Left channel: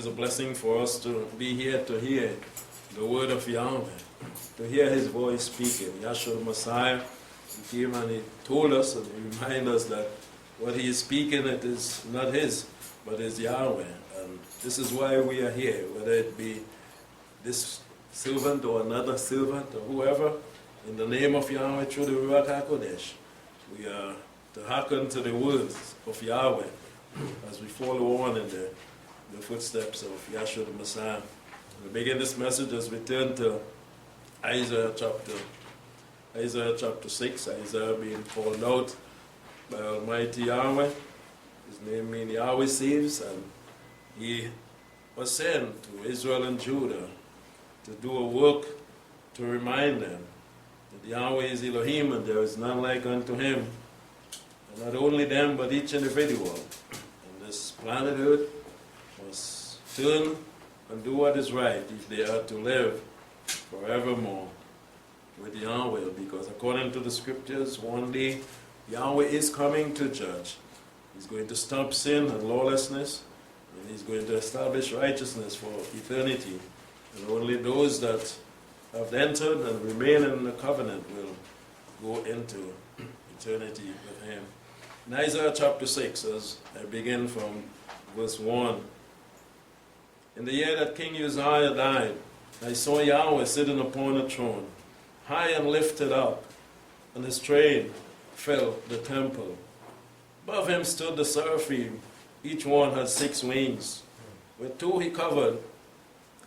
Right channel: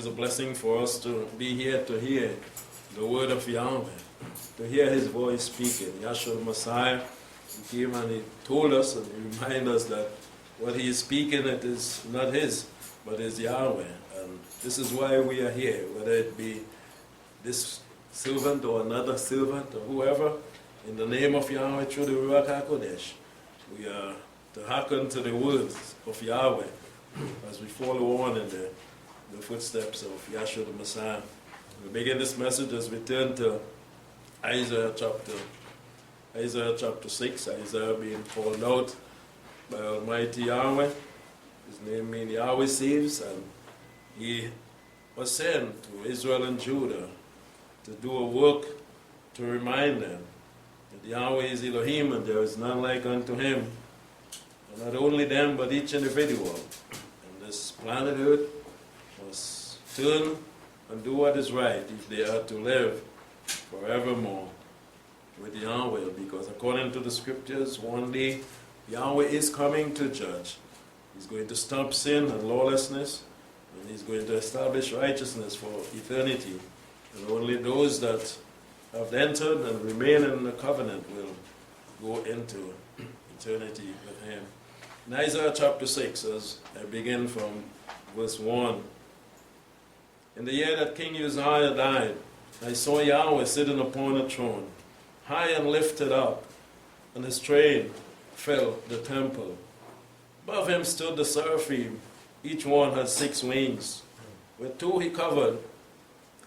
is a blessing for us to be here to hear the word of Yahweh, to hear his voice speaking. Yahshua the Messiah, he came and he told us and he reminded us that what he is speaking, it is not his, but is Yahweh. And this is why we are here, whether it be this servant or another servant or whoever, in the name of Yahweh through the Ruach HaKodesh. We are to hearken to the words of Yahweh as we follow on in the footsteps of Yahshua the Messiah. We begin this message as we turn to Isaiah chapter 6. Isaiah being called out by Almighty Yahweh. His name means Yahweh saves, and he was sent to Israel and Judah to do a work to remind them that Yahweh is Elohim and there is none like unto him. And not only them, but each individual on this planet Earth must turn and do what is right if they are to live forevermore with Yahweh, because according to the scriptures, one day Yahweh is coming to judge. He's going to stop sin and lawlessness, and he's going to establish righteousness for eternity. And only those that have entered and remain in the covenant will go into eternity with him. In Isaiah chapter 6, as I begin from verse 1. In the year that King Uzziah died, I saw Yahweh sitting upon a throne, high and lifted up, and his train filled the temple. Above him stood the seraphim. Each one had 6 wings. With 2 he covered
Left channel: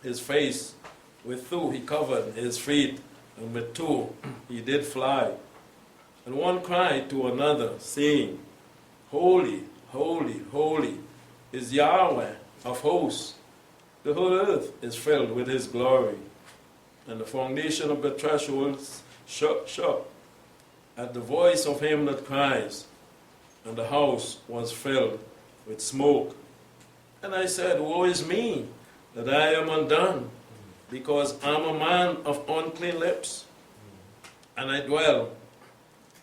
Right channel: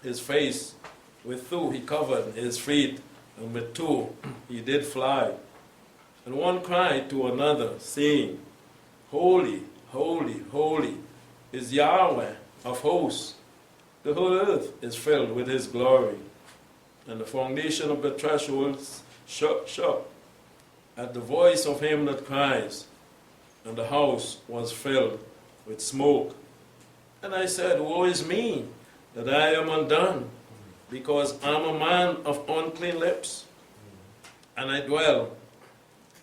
his face, with 2 he covered his feet, and with 2 he did fly. And one cried to another, saying, Holy, holy, holy is Yahweh of hosts. The whole earth is filled with his glory. And the foundation of the thresholds shook at the voice of him that cries, and the house was filled with smoke. And I said, Woe is me, that I am undone, because I am a man of unclean lips, and I dwell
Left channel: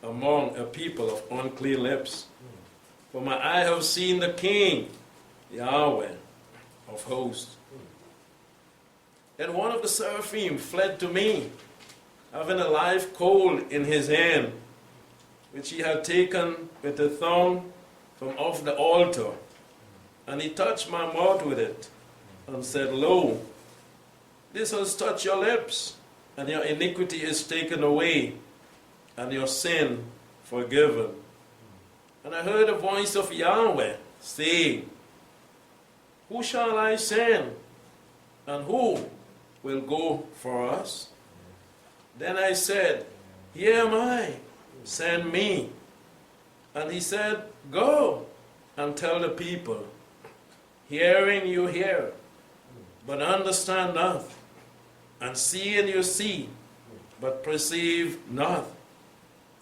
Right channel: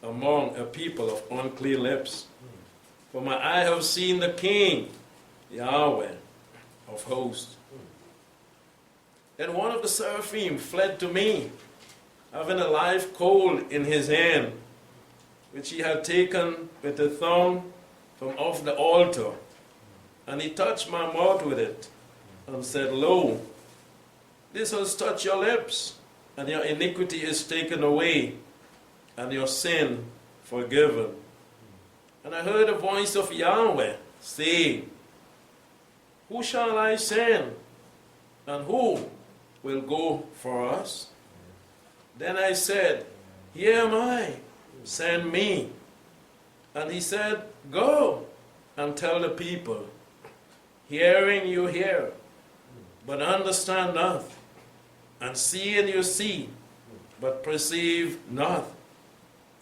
among a people of unclean lips. For my eye have seen the King, Yahweh of hosts. Then one of the seraphim fled to me, having a live coal in his hand, which he had taken with a thorn from off the altar. And he touched my mouth with it, and said, Lo, this has touched your lips, and your iniquity is taken away, and your sin forgiven. And I heard a voice of Yahweh saying, Who shall I send, and who will go for us? Then I said, Here am I, send me. And he said, Go and tell the people, Hearing you hear, but understand not, and seeing you see, but perceive not.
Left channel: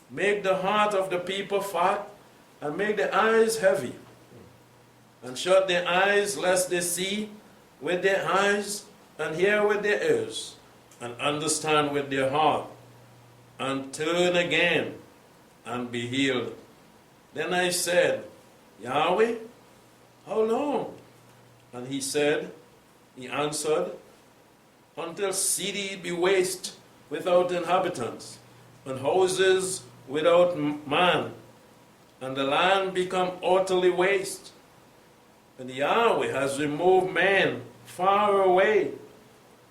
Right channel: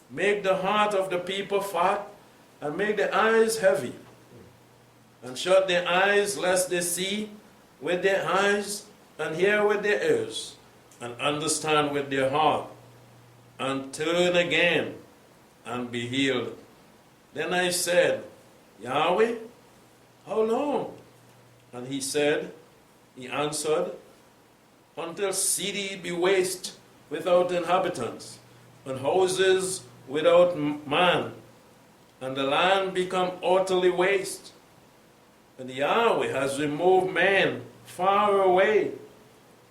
Make the heart of the people fat, and make the eyes heavy, and shut their eyes lest they see with their eyes, and hear with their ears, and understand with their heart, and turn again, and be healed. Then I said, Yahweh, how long? And he answered, Until city be waste without inhabitants, and houses without man, and the land become utterly waste. And Yahweh has removed man far away,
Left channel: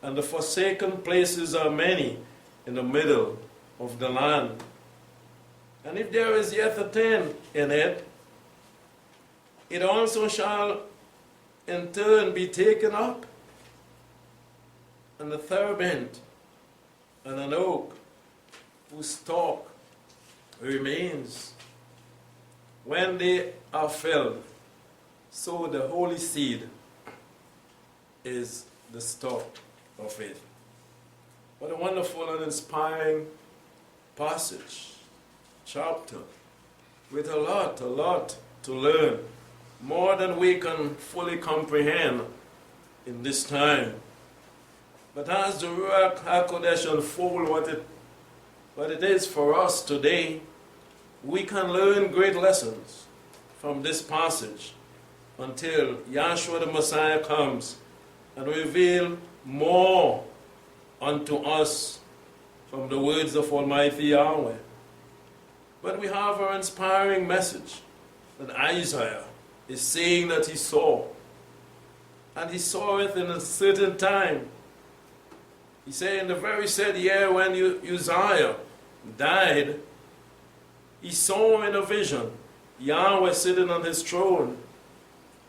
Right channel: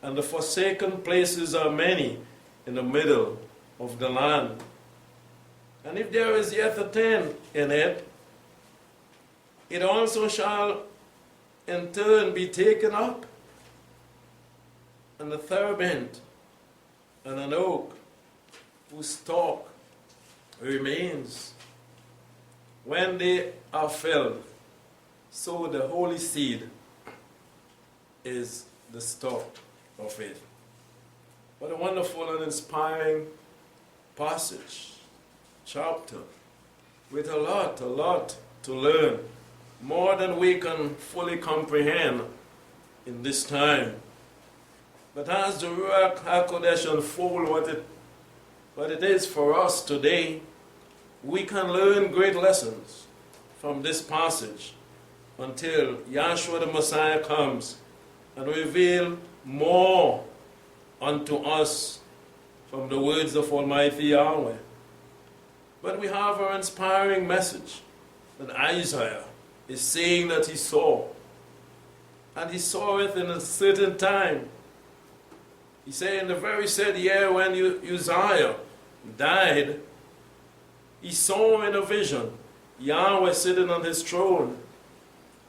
and the forsaken places are many in the middle of the land. And if there is yet a tent in it, it also shall in turn be taken up. And the terebinth and an oak whose stalk remains, when they are filled, so the holy seed is the stalk of it. What a wonderful and inspiring passage, chapter, with a lot to learn, more than we can fully comprehend in this time. But as the Ruach HaKodesh unfold what it is for us today, we can learn great lessons from this passage until Yahshua the Messiah comes and reveal more unto us from the words of Almighty Yahweh. But we have our inspiring message that Isaiah is saying that he saw. And he saw it in a certain time. He said in the very said year when Uzziah died, he saw in a vision Yahweh sitting on his throne.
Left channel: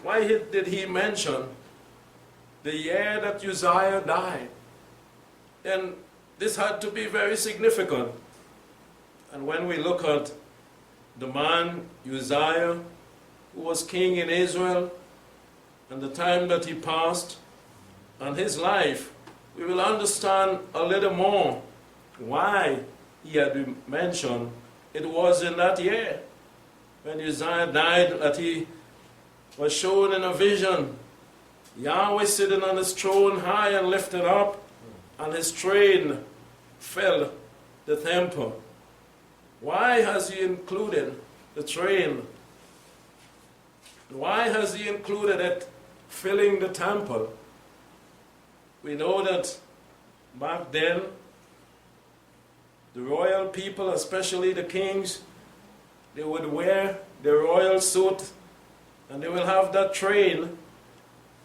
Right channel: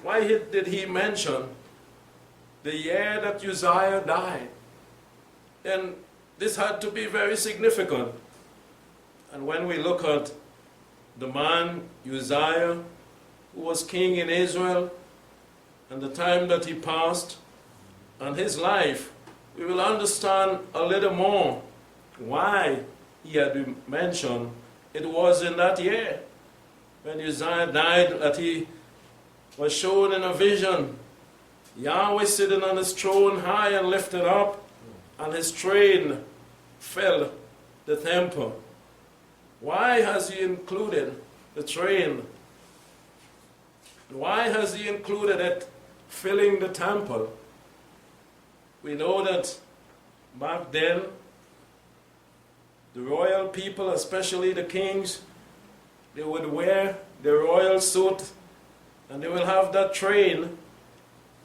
Why did he mention the year that Uzziah died? And this had to be very significant. And when we look at the man Uzziah, who was king in Israel, and the time that he passed, and his life, we will understand a little more why he had mentioned it was in that year when Uzziah died that he was shown in a vision Yahweh sitting on his throne high and lifted up, and his train filled the temple. Why has he included the train? Why has he included it filling the temple? We know that back then, the royal people, especially the kings, they would wear their royal suit, and they will have that train,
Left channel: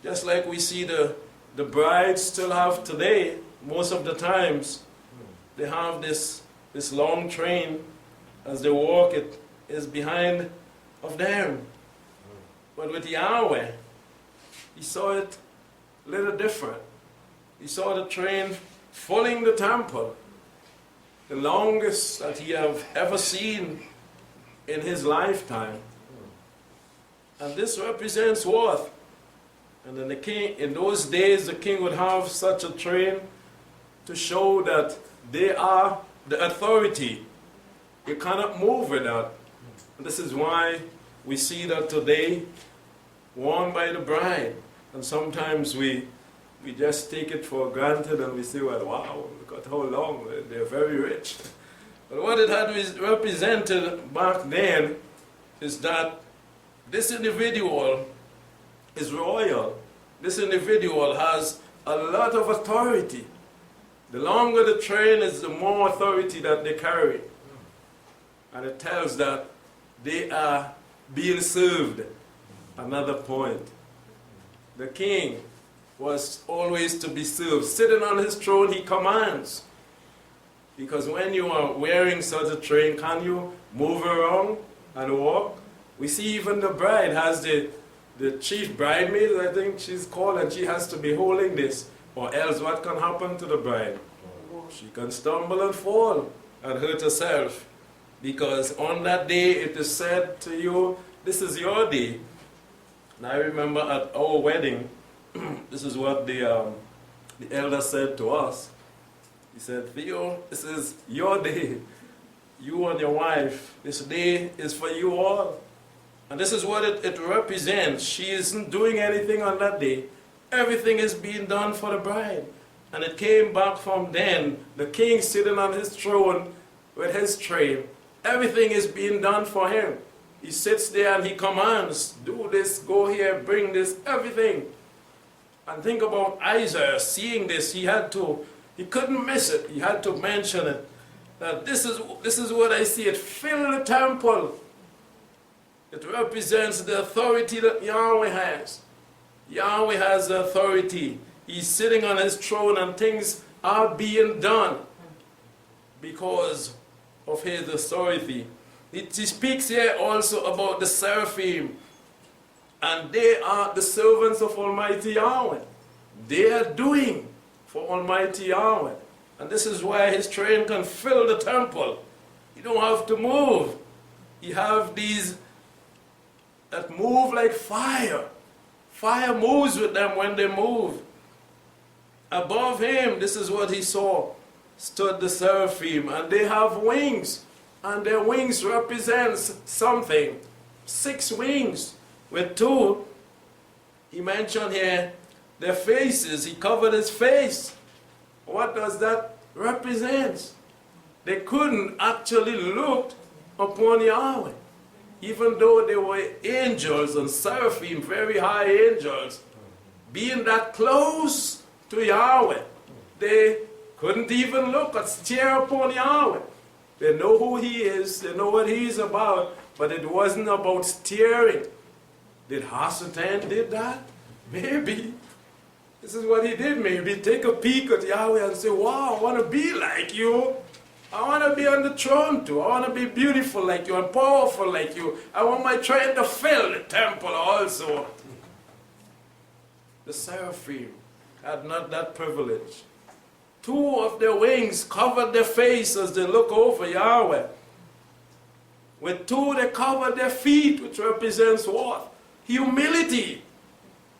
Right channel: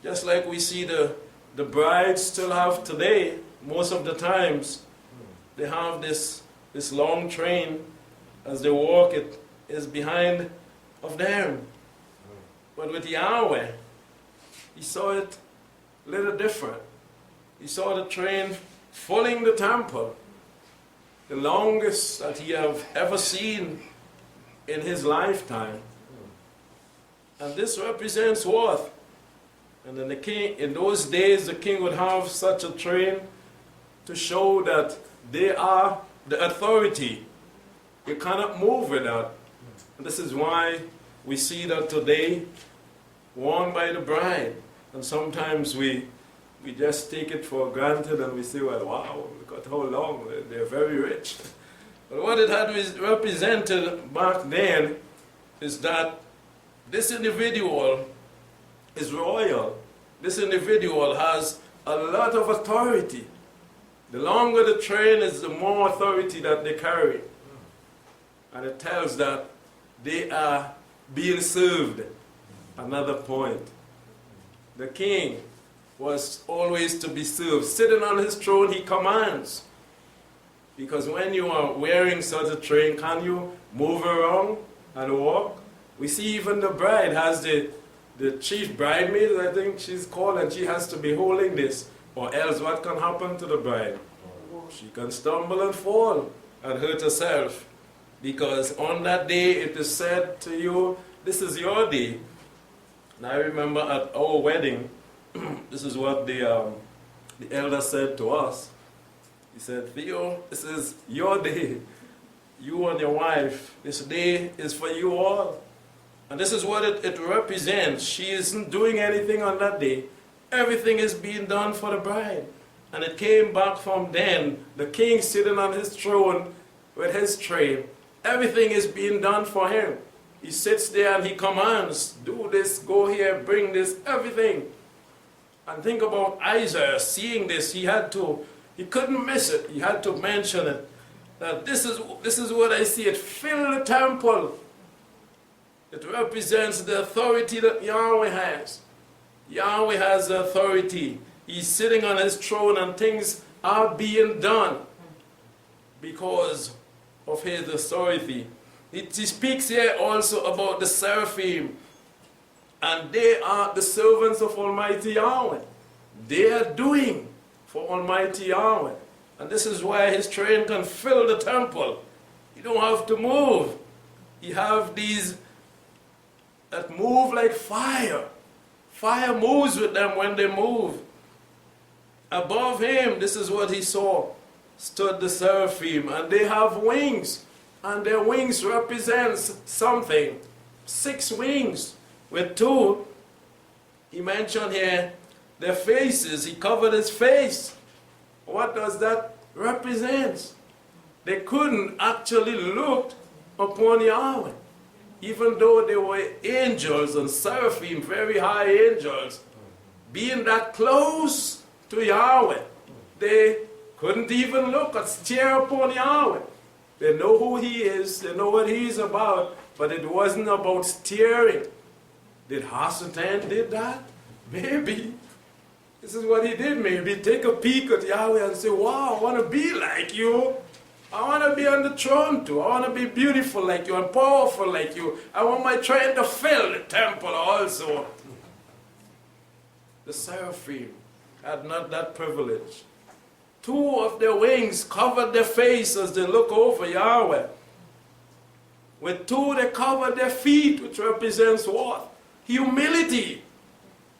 just like we see the brides still have today. Most of the times, they have this long train. As they walk, it is behind of them. But with Yahweh, he saw it a little different. He saw the train filling the temple, the longest that he have ever seen in his lifetime. And this represents what? And then the king, in those days, the king would have such a train to show that they are the authority. You cannot move without. And this is why we see that today, worn by the bride. And sometimes we just take it for granted and we say, well, wow, look at how long, they're very rich. But what it had represented back then is that this individual is royal. This individual has a lot of authority. The longer the train is, the more authority that they carry. And it tells that they are being served. Another point. The king was always to be served. Sitting on his throne, he commands. Because when you are wearing such a train, can you move around and walk? We see even the bride has the chief bridemaid, I think she's called, and she has to be holding this. Or else what can happen to the bride? She can stumble and fall and hurt herself. Because on that day it is said to you, this is your day. And I remember at our wedding, this is what the elder said to us. He said, Theo, this is your day. You and your wife, this day is for you all. And this is what it represents. She isn't doing anything on that day. Everything is being done for the bride. And it came back from then, the king sitting on his throne with his train. Everything is being done for him. He sits there and he commands, do this, go here, bring this, everything. And think about Isaiah seeing this. He couldn't miss it. He had to mention it. That this is what I see. It filled the temple. It represents the authority that Yahweh has. Yahweh has the authority. He's sitting on his throne and things are being done because of his authority. He speaks here also about the seraphim, and they are the servants of Almighty Yahweh. They are doing for Almighty Yahweh. And this is why his train can fill the temple. You don't have to move. You have these that move like fire. Fire moves with them when they move. Above him, this is what he saw, stood the seraphim, and they have wings, and their wings represents something. 6 wings with 2. He mentioned here their faces. He covered his face. What does that represent? They couldn't actually look upon Yahweh. Even though they were angels and seraphim, very high angels, being that close to Yahweh, they couldn't even look or stare upon Yahweh. They know who he is, they know what he's about, but it wasn't about staring. Did Hasatan did that? Maybe. This is what he did, maybe. Take a peek at Yahweh and say, wow, I want to be like you. I want to be on the throne too. I want to be beautiful like you and powerful like you. I want my train to fill the temple also. The seraphim had not that privilege. 2 of their wings covered their face as they look over Yahweh. With 2, they covered their feet, which represents what? Humility.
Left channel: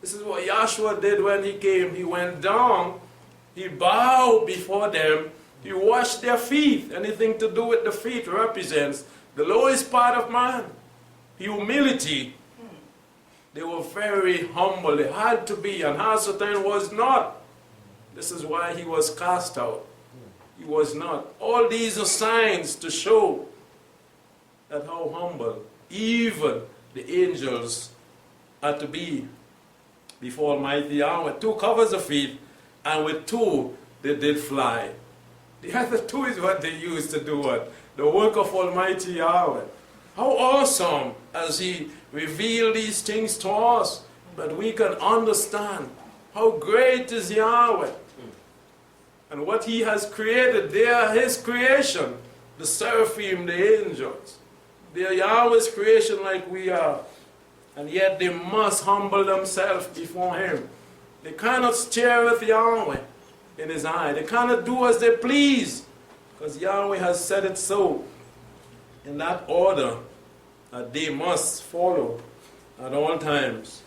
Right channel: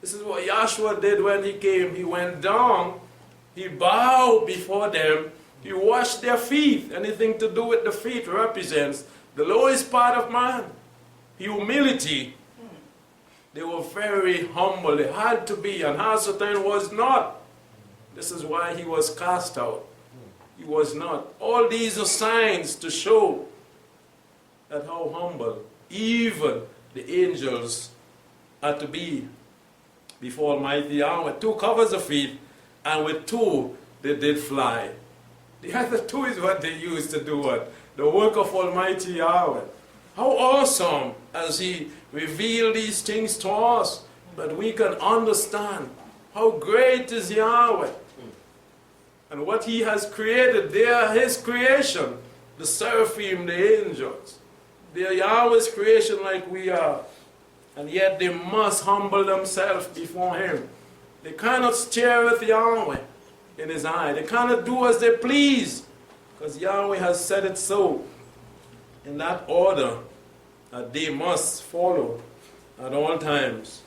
This is what Yahshua did when he came. He went down, he bowed before them, he washed their feet. Anything to do with the feet represents the lowest part of man. Humility. They were very humble. They had to be, and Hasatan was not. This is why he was cast out. He was not. All these are signs to show that how humble even the angels are to be before Almighty Yahweh. 2 covers the feet, and with 2 they did fly. The other 2 is what they used to do what? The work of Almighty Yahweh. How awesome as he revealed these things to us, that we can understand how great is Yahweh. And what he has created, they are his creation. The seraphim, the angels. They are Yahweh's creation like we are. And yet they must humble themselves before him. They cannot stare at Yahweh in his eye. They cannot do as they please, because Yahweh has said it so. In that order that they must follow at all times.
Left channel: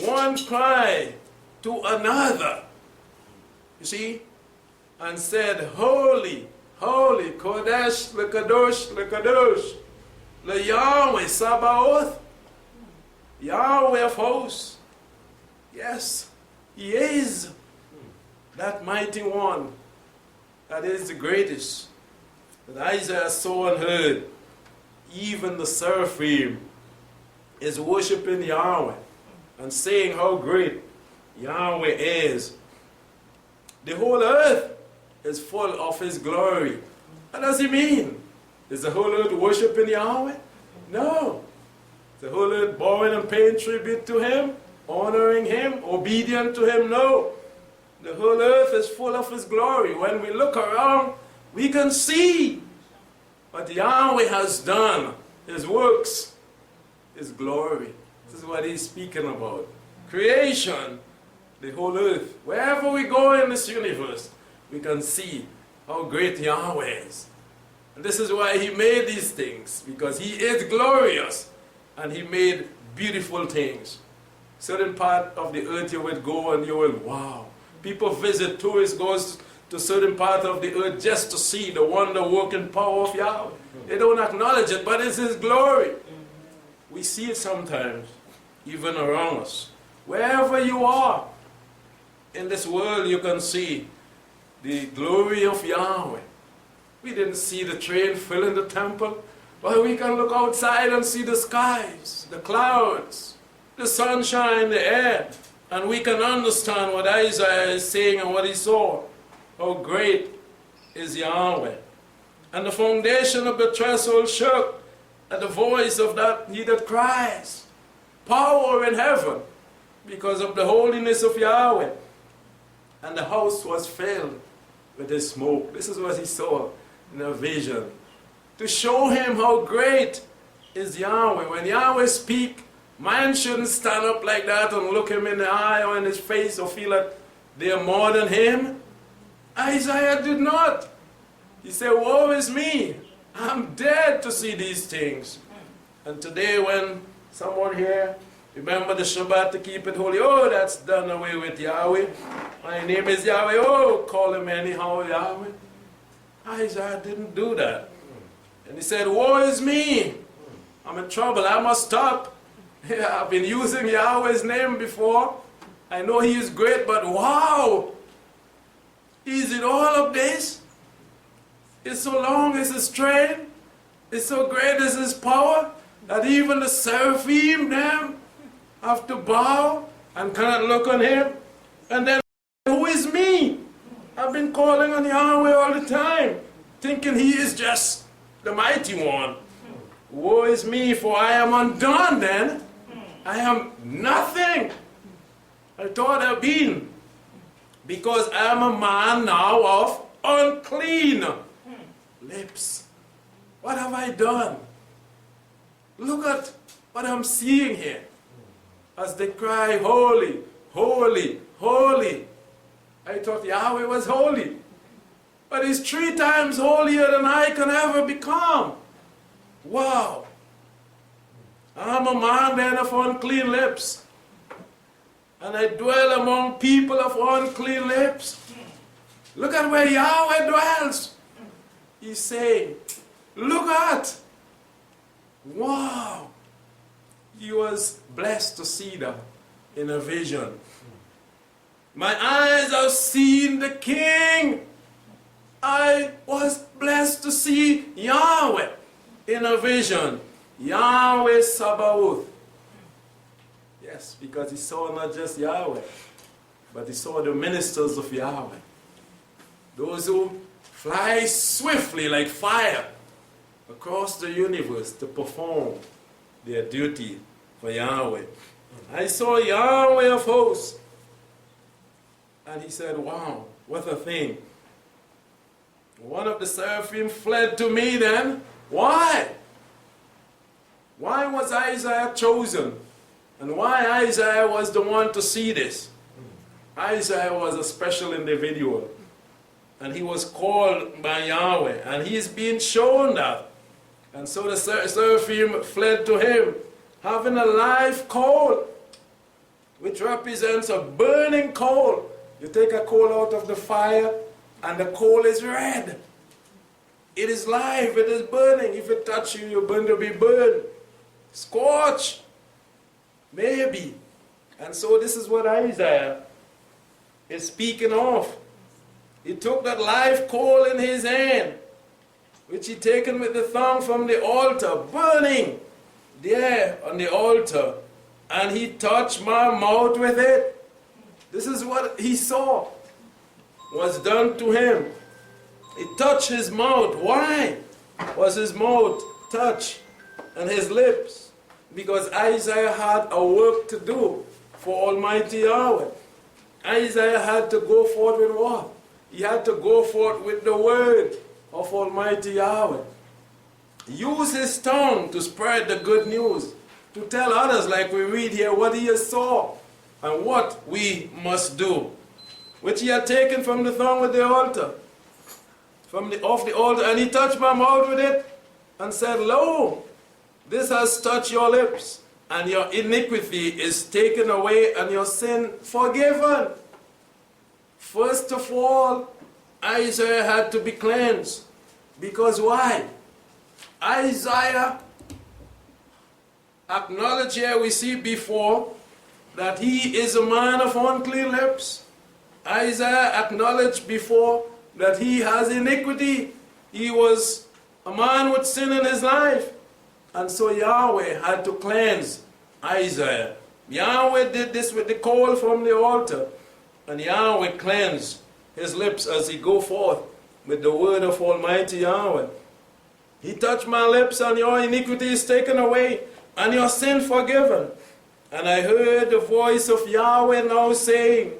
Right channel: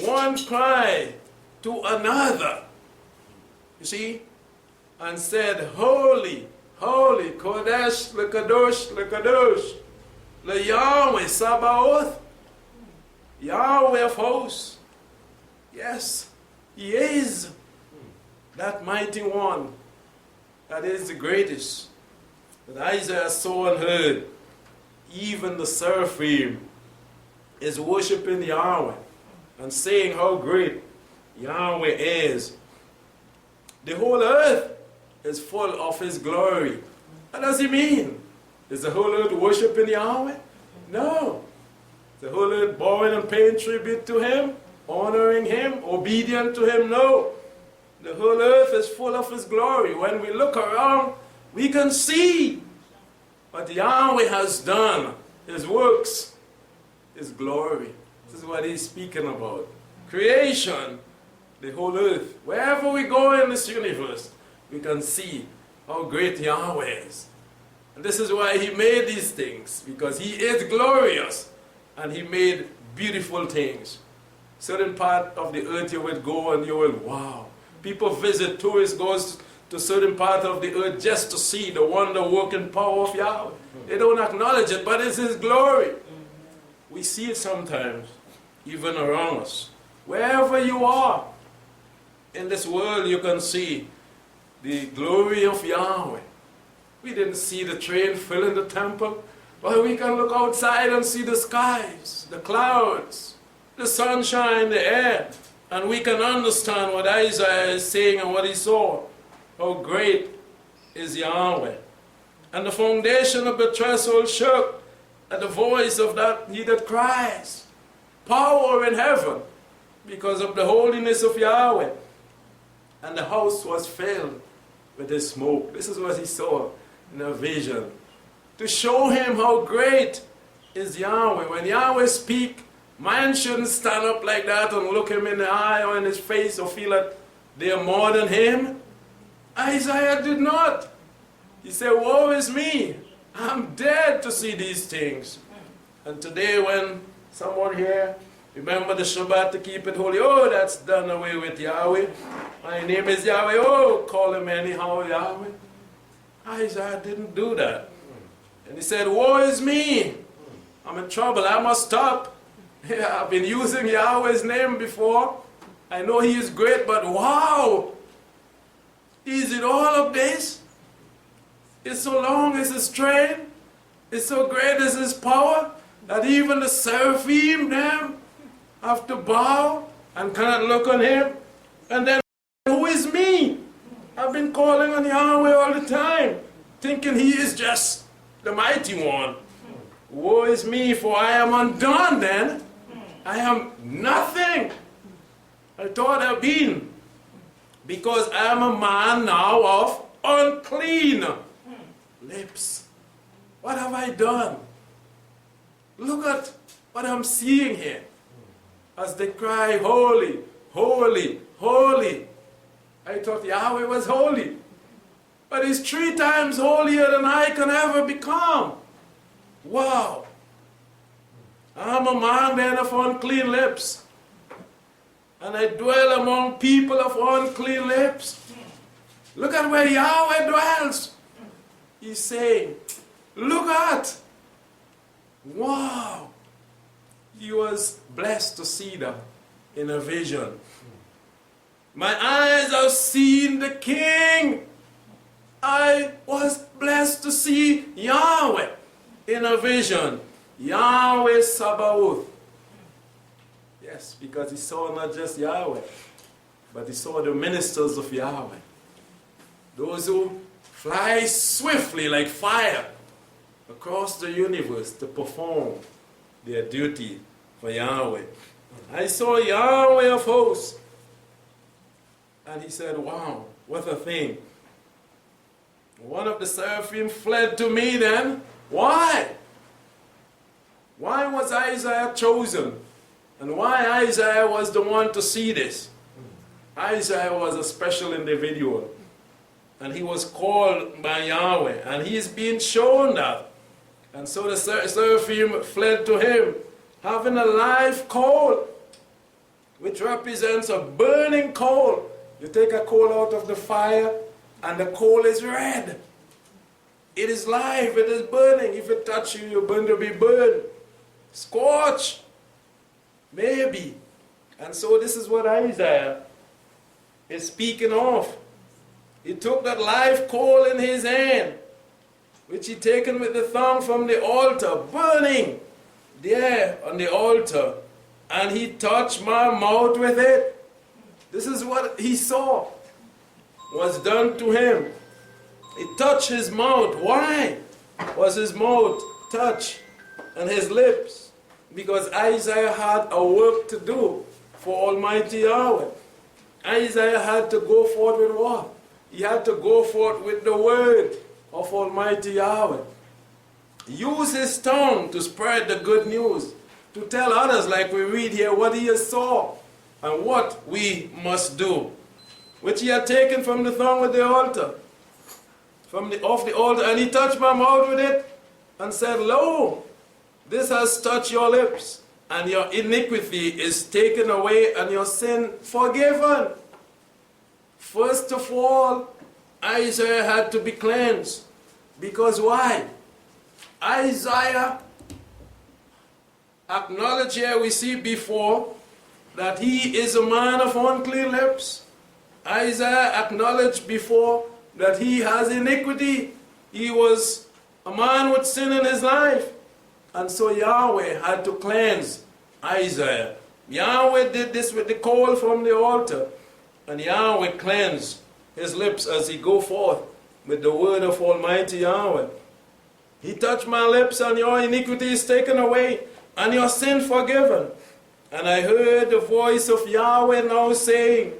One cry to another, you see, and said, holy, holy, Kodesh, Lekadosh, Lekadosh, Le Yahweh Sabaoth, Yahweh of hosts. Yes, he is that mighty one that is the greatest that Isaiah saw and heard. Even the seraphim is worshiping Yahweh and saying how great Yahweh is. The whole earth is full of his glory. What does he mean? Is the whole earth worshiping Yahweh? No. The whole earth bowing and paying tribute to him, honoring him, obedient to him? No. The whole earth is full of his glory. When we look around, we can see what Yahweh has done, his works, his glory. This is what he's speaking about. Creation, the whole earth. Wherever we go in this universe, we can see how great Yahweh is. And this is why he made these things, because he is glorious, and he made beautiful things. Certain part of the earth you will go and you will, wow. People visit, tourists goes to certain part of the earth just to see the wonder-working power of Yahweh. They don't acknowledge it, but it's his glory. We see it sometimes, even around us. Wherever you are in this world, you can see the glory of Yahweh. We didn't see the train filling the temple, but we can look outside and see the skies, the clouds, the sunshine, the air, and we can understand what Isaiah is saying and what he saw. How great is Yahweh. And the foundation of the threshold shook at the voice of that he that cries. Power in heaven because of the holiness of Yahweh. And the house was filled with his smoke. This is what he saw in a vision. To show him how great is Yahweh. When Yahweh speaks, man shouldn't stand up like that and look him in the eye or in his face or feel that they are more than him. Isaiah did not. He said, woe is me. I'm dead to see these things. And today when someone here, remember the Shabbat to keep it holy. Oh, that's done away with Yahweh. My name is Yahweh. Oh, call him anyhow Yahweh. Isaiah didn't do that. And he said, woe is me. I'm in trouble. I must stop. Yeah, I've been using Yahweh's name before. I know he is great, but wow. Is it all of this? It's so long as his strength. It's so great as his power that even the seraphim them have to bow and cannot look on him? And then, who is me? I've been calling on Yahweh all the time, thinking he is just the mighty one. Woe is me, for I am undone then. I am nothing. I thought I'd been, because I am a man now of unclean lips. What have I done? Look at what I'm seeing here. As they cry, holy, holy, holy. I thought Yahweh was holy. But he's 3 times holier than I can ever become. Wow. I'm a man then of unclean lips. And I dwell among people of unclean lips. Look at where Yahweh dwells. He's saying, look at. Wow. He was blessed to see that in a vision. My eyes have seen the King. I was blessed to see Yahweh in a vision. Yahweh Sabaoth. Yes, because he saw not just Yahweh, but he saw the ministers of Yahweh. Those who fly swiftly like fire across the universe to perform their duty for Yahweh. I saw Yahweh of hosts. And he said, wow, what a thing. One of the seraphim fled to me then. Why? Why was Isaiah chosen? And why Isaiah was the one to see this? Isaiah was a special individual. And he was called by Yahweh. And he's being shown that. And so the seraphim fled to him, having a live coal, which represents a burning coal. You take a coal out of the fire, and the coal is red. It is live, it is burning. If it touches you, you're going to be burned. Scorched. Maybe. And so this is what Isaiah is speaking of. He took that live coal in his hand, which he taken with the thong from the altar, burning there on the altar. And he touched my mouth with it. This is what he saw was done to him. He touched his mouth. Why was his mouth touched and his lips? Because Isaiah had a work to do for Almighty Yahweh. Isaiah had to go forth with what? He had to go forth with the word of Almighty Yahweh. Use his tongue to spread the good news, to tell others, like we read here, what he saw and what we must do, which he had taken from the thong with the altar, off the altar, and he touched my mouth with it and said, lo, this has touched your lips, and your iniquity is taken away and your sin forgiven. First of all, Isaiah had to be cleansed. Because why? Isaiah acknowledged here, we see before, that he is a man of unclean lips. Isaiah acknowledged before that he has iniquity. He was a man with sin in his life. And so Yahweh had to cleanse Isaiah. Yahweh did this with the coal from the altar. And Yahweh cleansed his lips as he go forth with the word of Almighty Yahweh. He touched my lips, and your iniquity is taken away, and your sin forgiven. And I heard the voice of Yahweh now saying,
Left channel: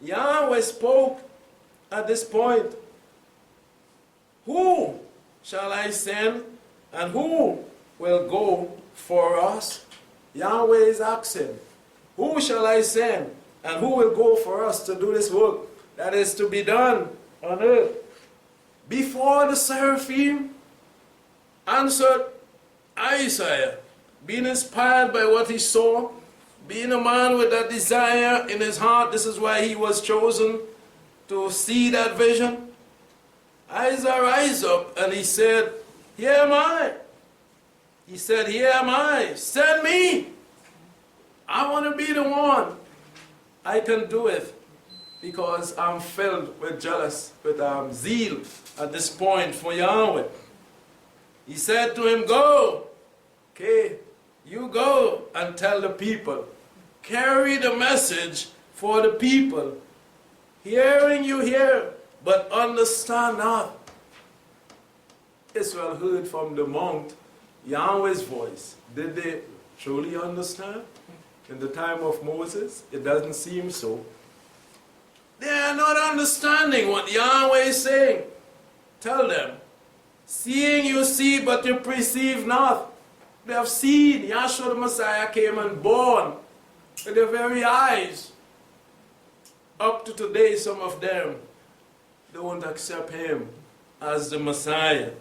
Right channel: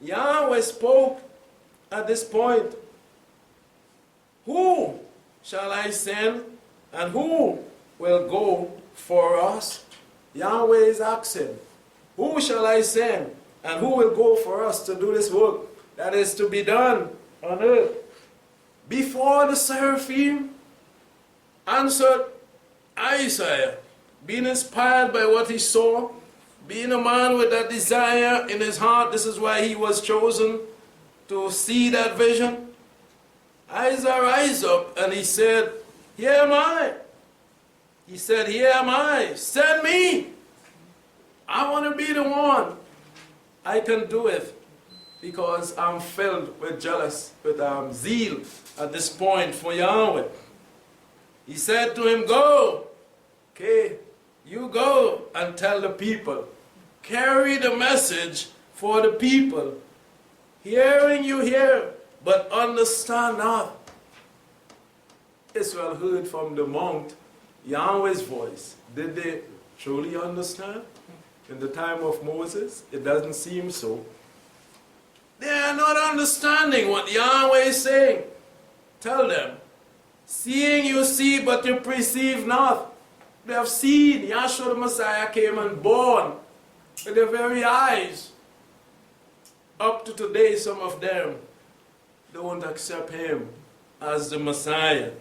Yahweh spoke at this point, who shall I send, and who will go for us? Yahweh is asking, who shall I send, and who will go for us to do this work that is to be done on earth? Before the seraphim answered Isaiah, being inspired by what he saw, being a man with that desire in his heart, this is why he was chosen to see that vision. Isaiah rise up and he said, here am I. He said, here am I. Send me. I want to be the one. I can do it because I'm filled with zeal at this point for Yahweh. He said to him, go. Okay, you go and tell the people carry the message for the people. Hearing you hear, but understand not. Israel heard from the mount Yahweh's voice. Did they truly understand? In the time of Moses, it doesn't seem so. They are not understanding what Yahweh is saying. Tell them, seeing you see, but you perceive not. They have seen Yahshua the Messiah came and born with their very eyes. Up to today, some of them don't accept him as the Messiah.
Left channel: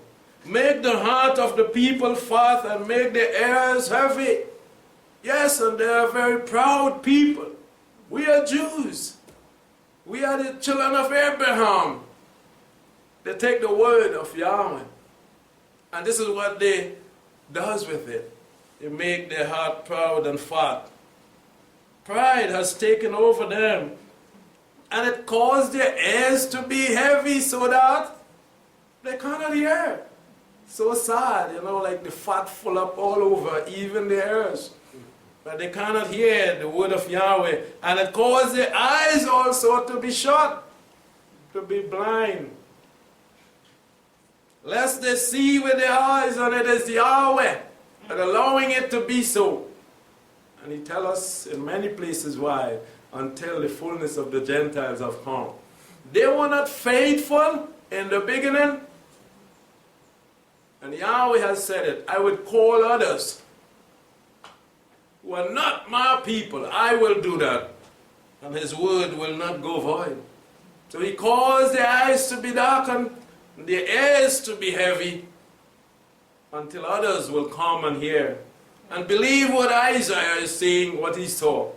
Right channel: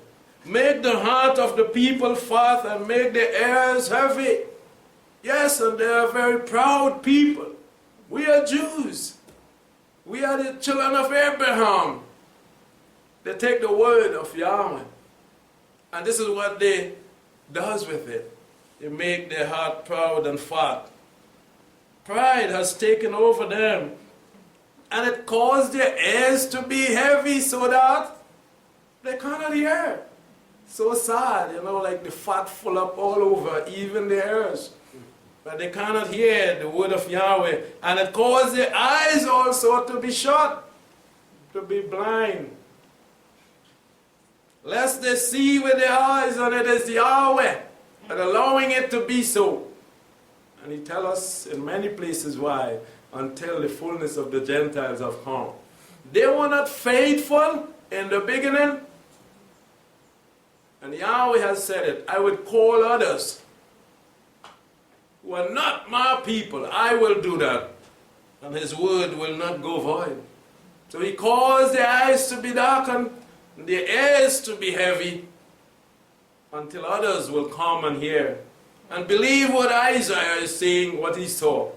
Make the heart of the people fat and make their ears heavy. Yes, and they are very proud people. We are Jews. We are the children of Abraham. They take the word of Yahweh. And this is what they does with it. They make their heart proud and fat. Pride has taken over them. And it caused their ears to be heavy so that they cannot hear. So sad, like the fat full up all over, even the ears. But they cannot hear the word of Yahweh. And it caused their eyes also to be shut, to be blind. Lest they see with their eyes, and it is Yahweh and allowing it to be so. And he tells us in many places why. Until the fullness of the Gentiles have come. They were not faithful in the beginning. And Yahweh has said it. I would call others who are not my people. I will do that. And his word will not go void. So he caused their eyes to be darkened, and their ears to be heavy, until others will come and hear and believe what Isaiah is saying, what he saw.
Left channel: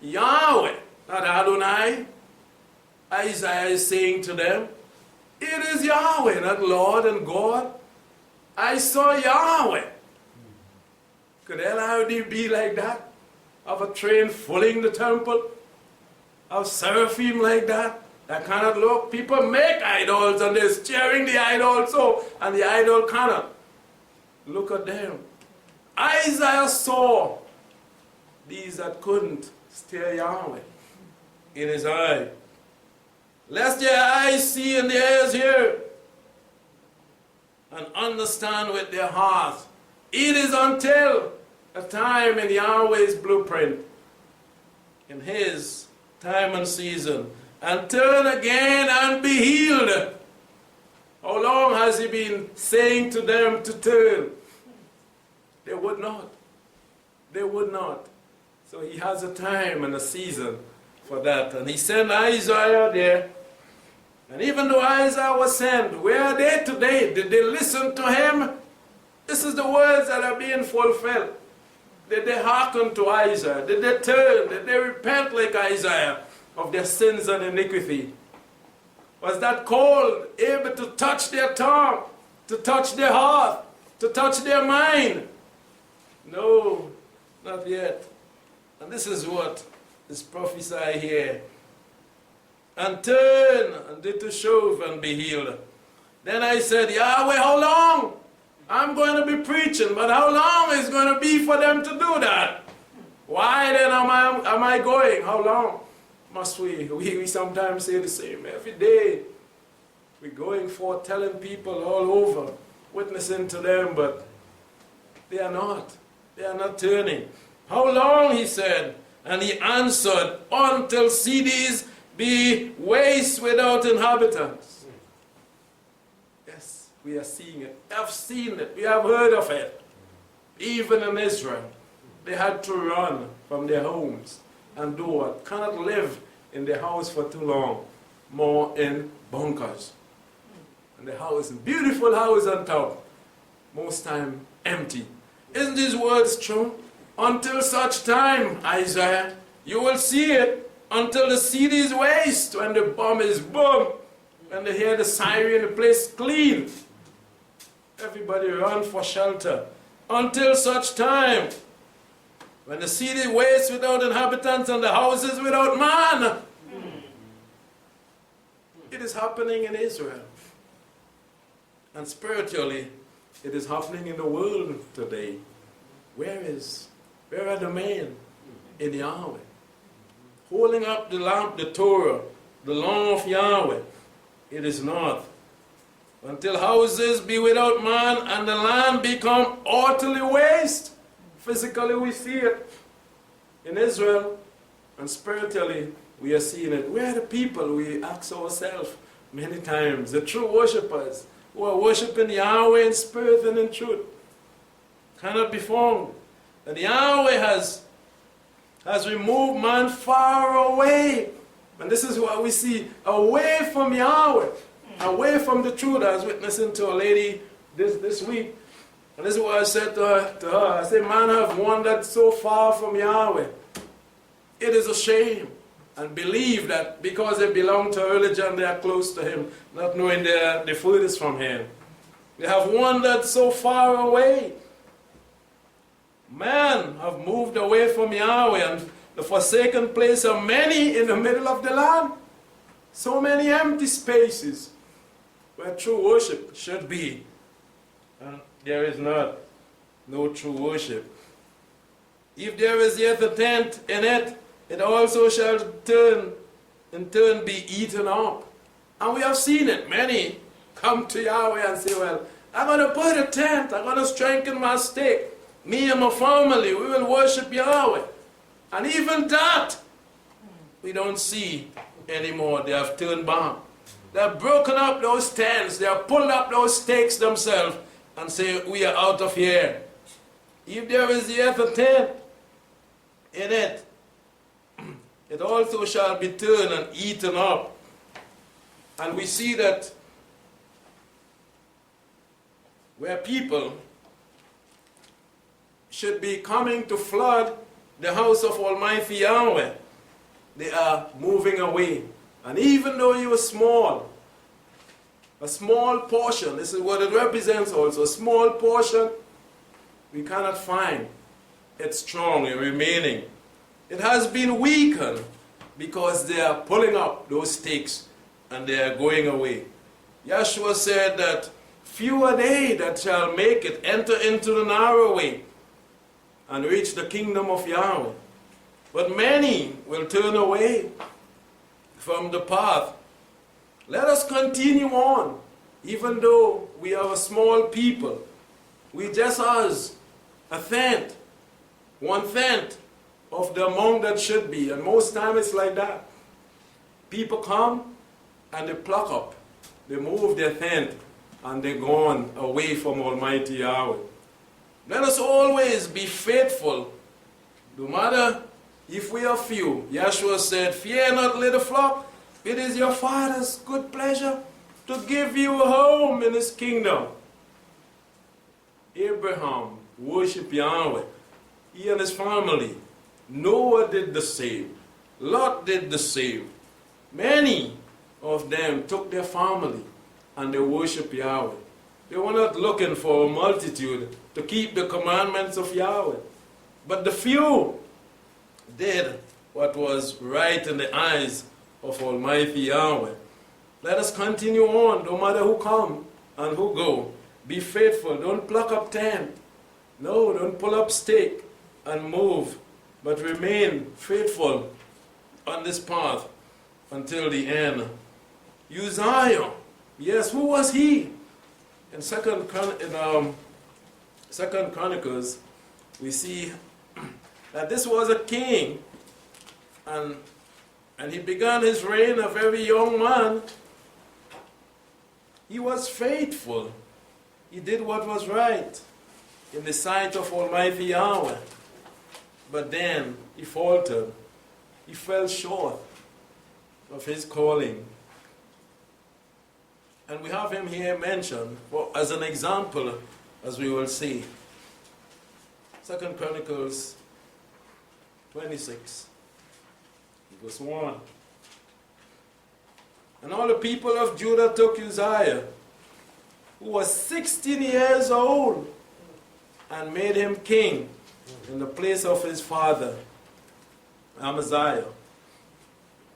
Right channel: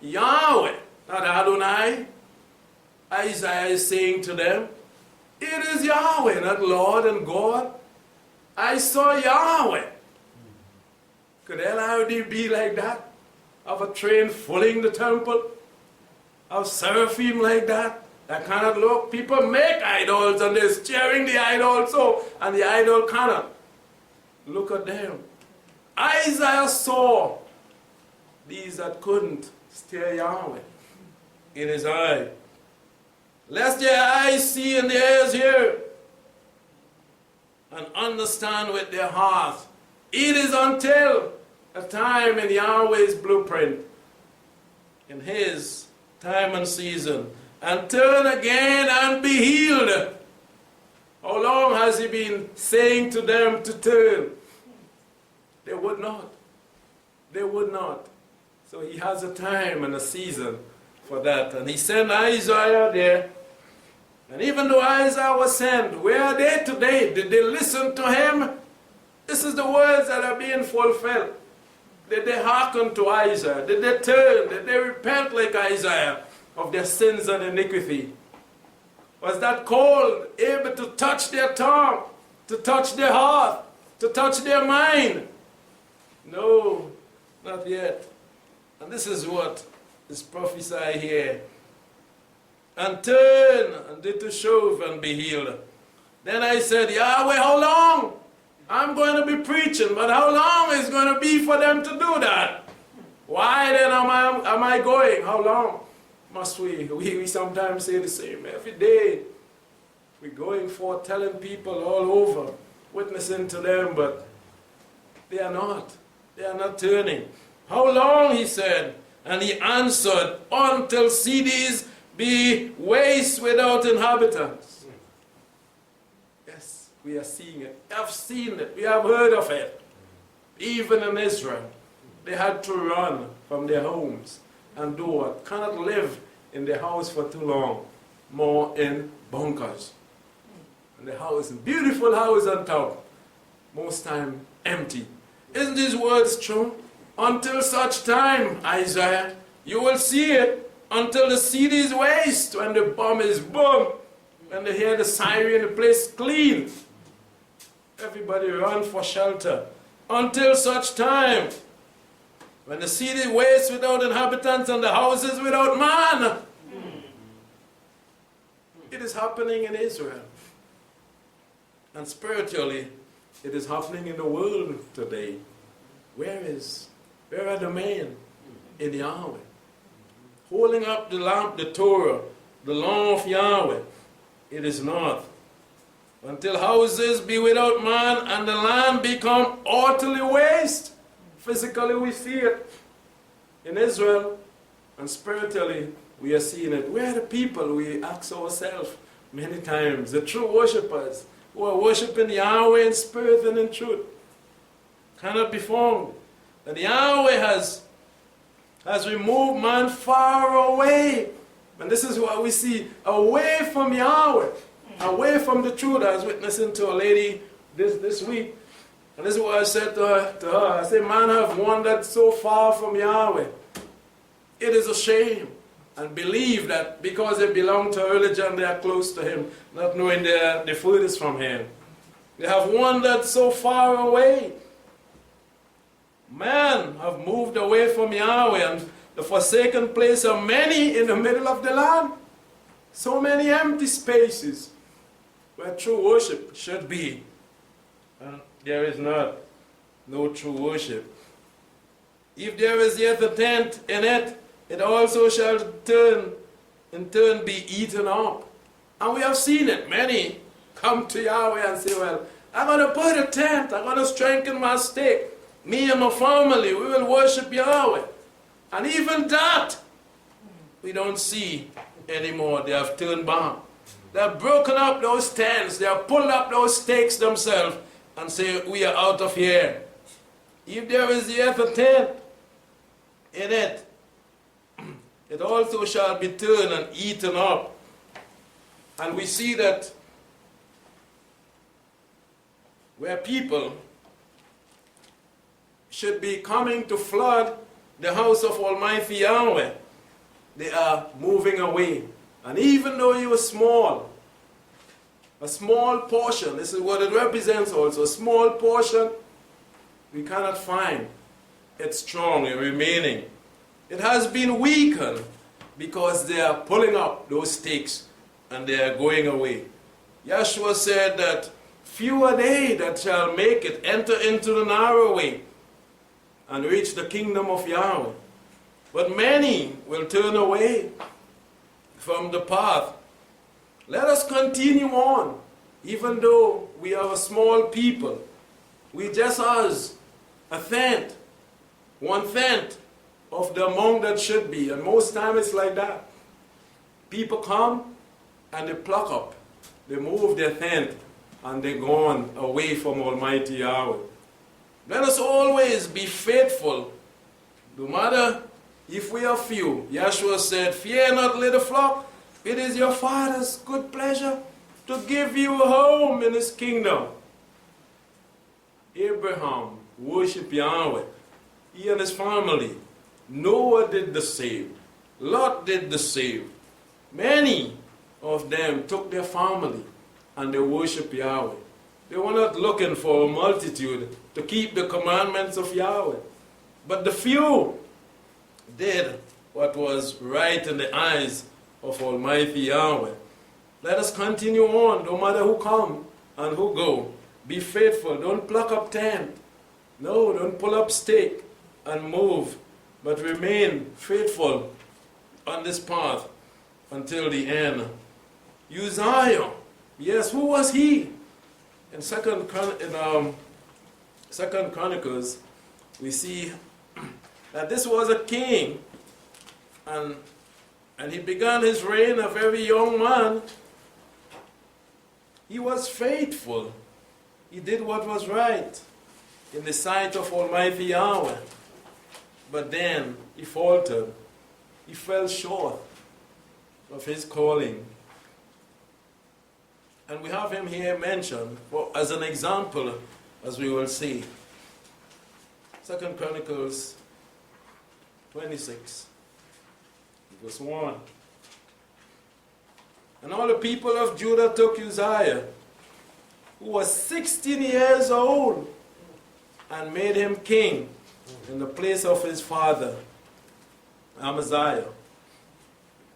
Yahweh, not Adonai. Isaiah is saying to them, it is Yahweh, not Lord and God. I saw Yahweh. Could LID be like that? Of a train filling the temple? Of seraphim like that? That cannot look. People make idols and they're staring the idol so, and the idol cannot. Look at them. Isaiah saw these that couldn't stare Yahweh in his eye. Lest their eyes see and their ears hear and understand with their hearts. It is until a time in Yahweh's blueprint, in his time and season, and turn again and be healed. How long has he been saying to them to turn? They would not. They would not. So he has a time and a season for that. And he sent Isaiah there. And even though Isaiah was sent, where are they today? Did they listen to him? This is the words that are being fulfilled. Did they hearken to Isaiah? Did they turn? Did they repent like Isaiah of their sins and iniquity? Was that call able to touch their tongue, to touch their heart, to touch their mind? No, not yet. And this is what is prophesied here. And turn and did to shove and be healed. Then I said, Yahweh, how long? I'm going to be preaching, but how long is it going to be for them to do that? Why then am I going? How long must we? We sometimes say the same. Every day we're going forth telling people all over, witnessing to them, but they are not. They are not turning. How long, he said? And he answered, until cities be waste without inhabitants. Yes, we are seeing it. We have seen it. We have heard of it. Even in Israel, they had to run from their homes and do what? Cannot live in their house for too long. More in bunkers. And the house, beautiful house on top, most time empty. Isn't these words true? Until such time, Isaiah, you will see it until the city is waste, when the bomb is boom, when they hear the siren, the place clean. Everybody run for shelter. Until such time, when the city wastes without inhabitants and the houses without man. It is happening in Israel. And spiritually, it is happening in the world today. Where are the men? in Yahweh. Holding up the lamp, the Torah, the law of Yahweh, it is not. Until houses be without man and the land become utterly waste. Physically we see it in Israel, and spiritually we are seeing it. We are the people, we ask ourselves many times, the true worshippers who are worshiping Yahweh in spirit and in truth, cannot be found. And Yahweh has removed man far away. And this is what we see, away from Yahweh, away from the truth. I was witnessing to a lady this week, and this is what I said to her. I said, man have wandered so far from Yahweh. It is a shame. And believe that because they belong to a religion, they are close to Him, not knowing the furthest from Him. They have wandered so far away. Man have moved away from Yahweh, and the forsaken place are many in the middle of the land. So many empty spaces where true worship should be. And there is no true worship. If there is yet a tent in it, it also shall in turn be eaten up. And we have seen it. Many come to Yahweh and say, well, I'm going to put a tent. I'm going to strengthen my stake. Me and my family, we will worship Yahweh. And even that, we don't see anymore. They have turned back. They have broken up those tents. They have pulled up those stakes themselves and say, we are out of here. If there is yet a tent in it, it also shall be turned and eaten up. And we see that where people should be coming to flood the house of Almighty Yahweh, they are moving away. And even though you are small, a small portion, this is what it represents also, a small portion, we cannot find it strong and remaining. It has been weakened because they are pulling up those stakes and they are going away. Yeshua said that few are they that shall make it, enter into the narrow way and reach the kingdom of Yahweh. But many will turn away from the path. Let us continue on, even though we are a small people. We just as a tenth, 1/10 of the amount that should be. And most times it's like that. People come and they pluck up. They move their tent and they're gone away from Almighty Yahweh. Let us always be faithful, no matter if we are few. Yeshua said, fear not, little flock. It is your Father's good pleasure to give you a home in His kingdom. Abraham worshiped Yahweh. He and his family. Noah did the same. Lot did the same. Many of them took their family and they worshiped Yahweh. They were not looking for a multitude to keep the commandments of Yahweh. But the few did what was right in the eyes of Almighty Yahweh. Let us continue on, no matter who come and who go. Be faithful. Don't pluck up tent. No, don't pull up stake and move. But remain faithful on this path until the end. Uzziah, yes, who was he? In Second Chronicles, we see that this was a king, and he began his reign a very young man. He was faithful. He did what was right in the sight of Almighty Yahweh. But then he faltered. He fell short of his calling. And we have him here mentioned as an example, as we will see. 2 Chronicles 26, verse 1. And all the people of Judah took Uzziah, who was 16 years old, and made him king in the place of his father, Amaziah.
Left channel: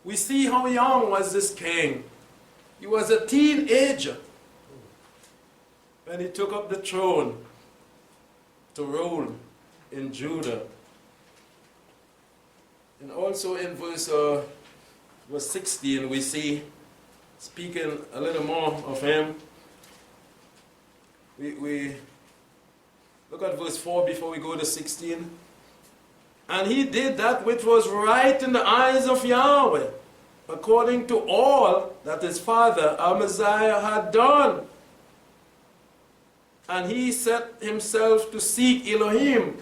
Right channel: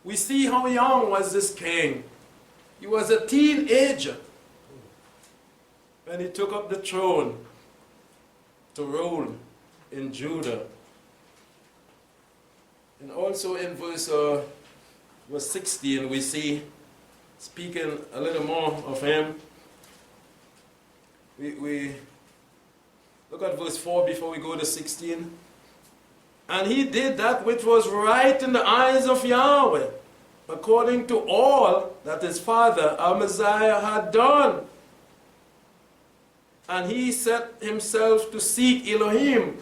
We see how young was this king. He was a teenager when he took up the throne to rule in Judah. And also in verse 16, we see, speaking a little more of him, we look at verse 4 before we go to 16. And he did that which was right in the eyes of Yahweh, according to all that his father Amaziah had done. And he set himself to seek Elohim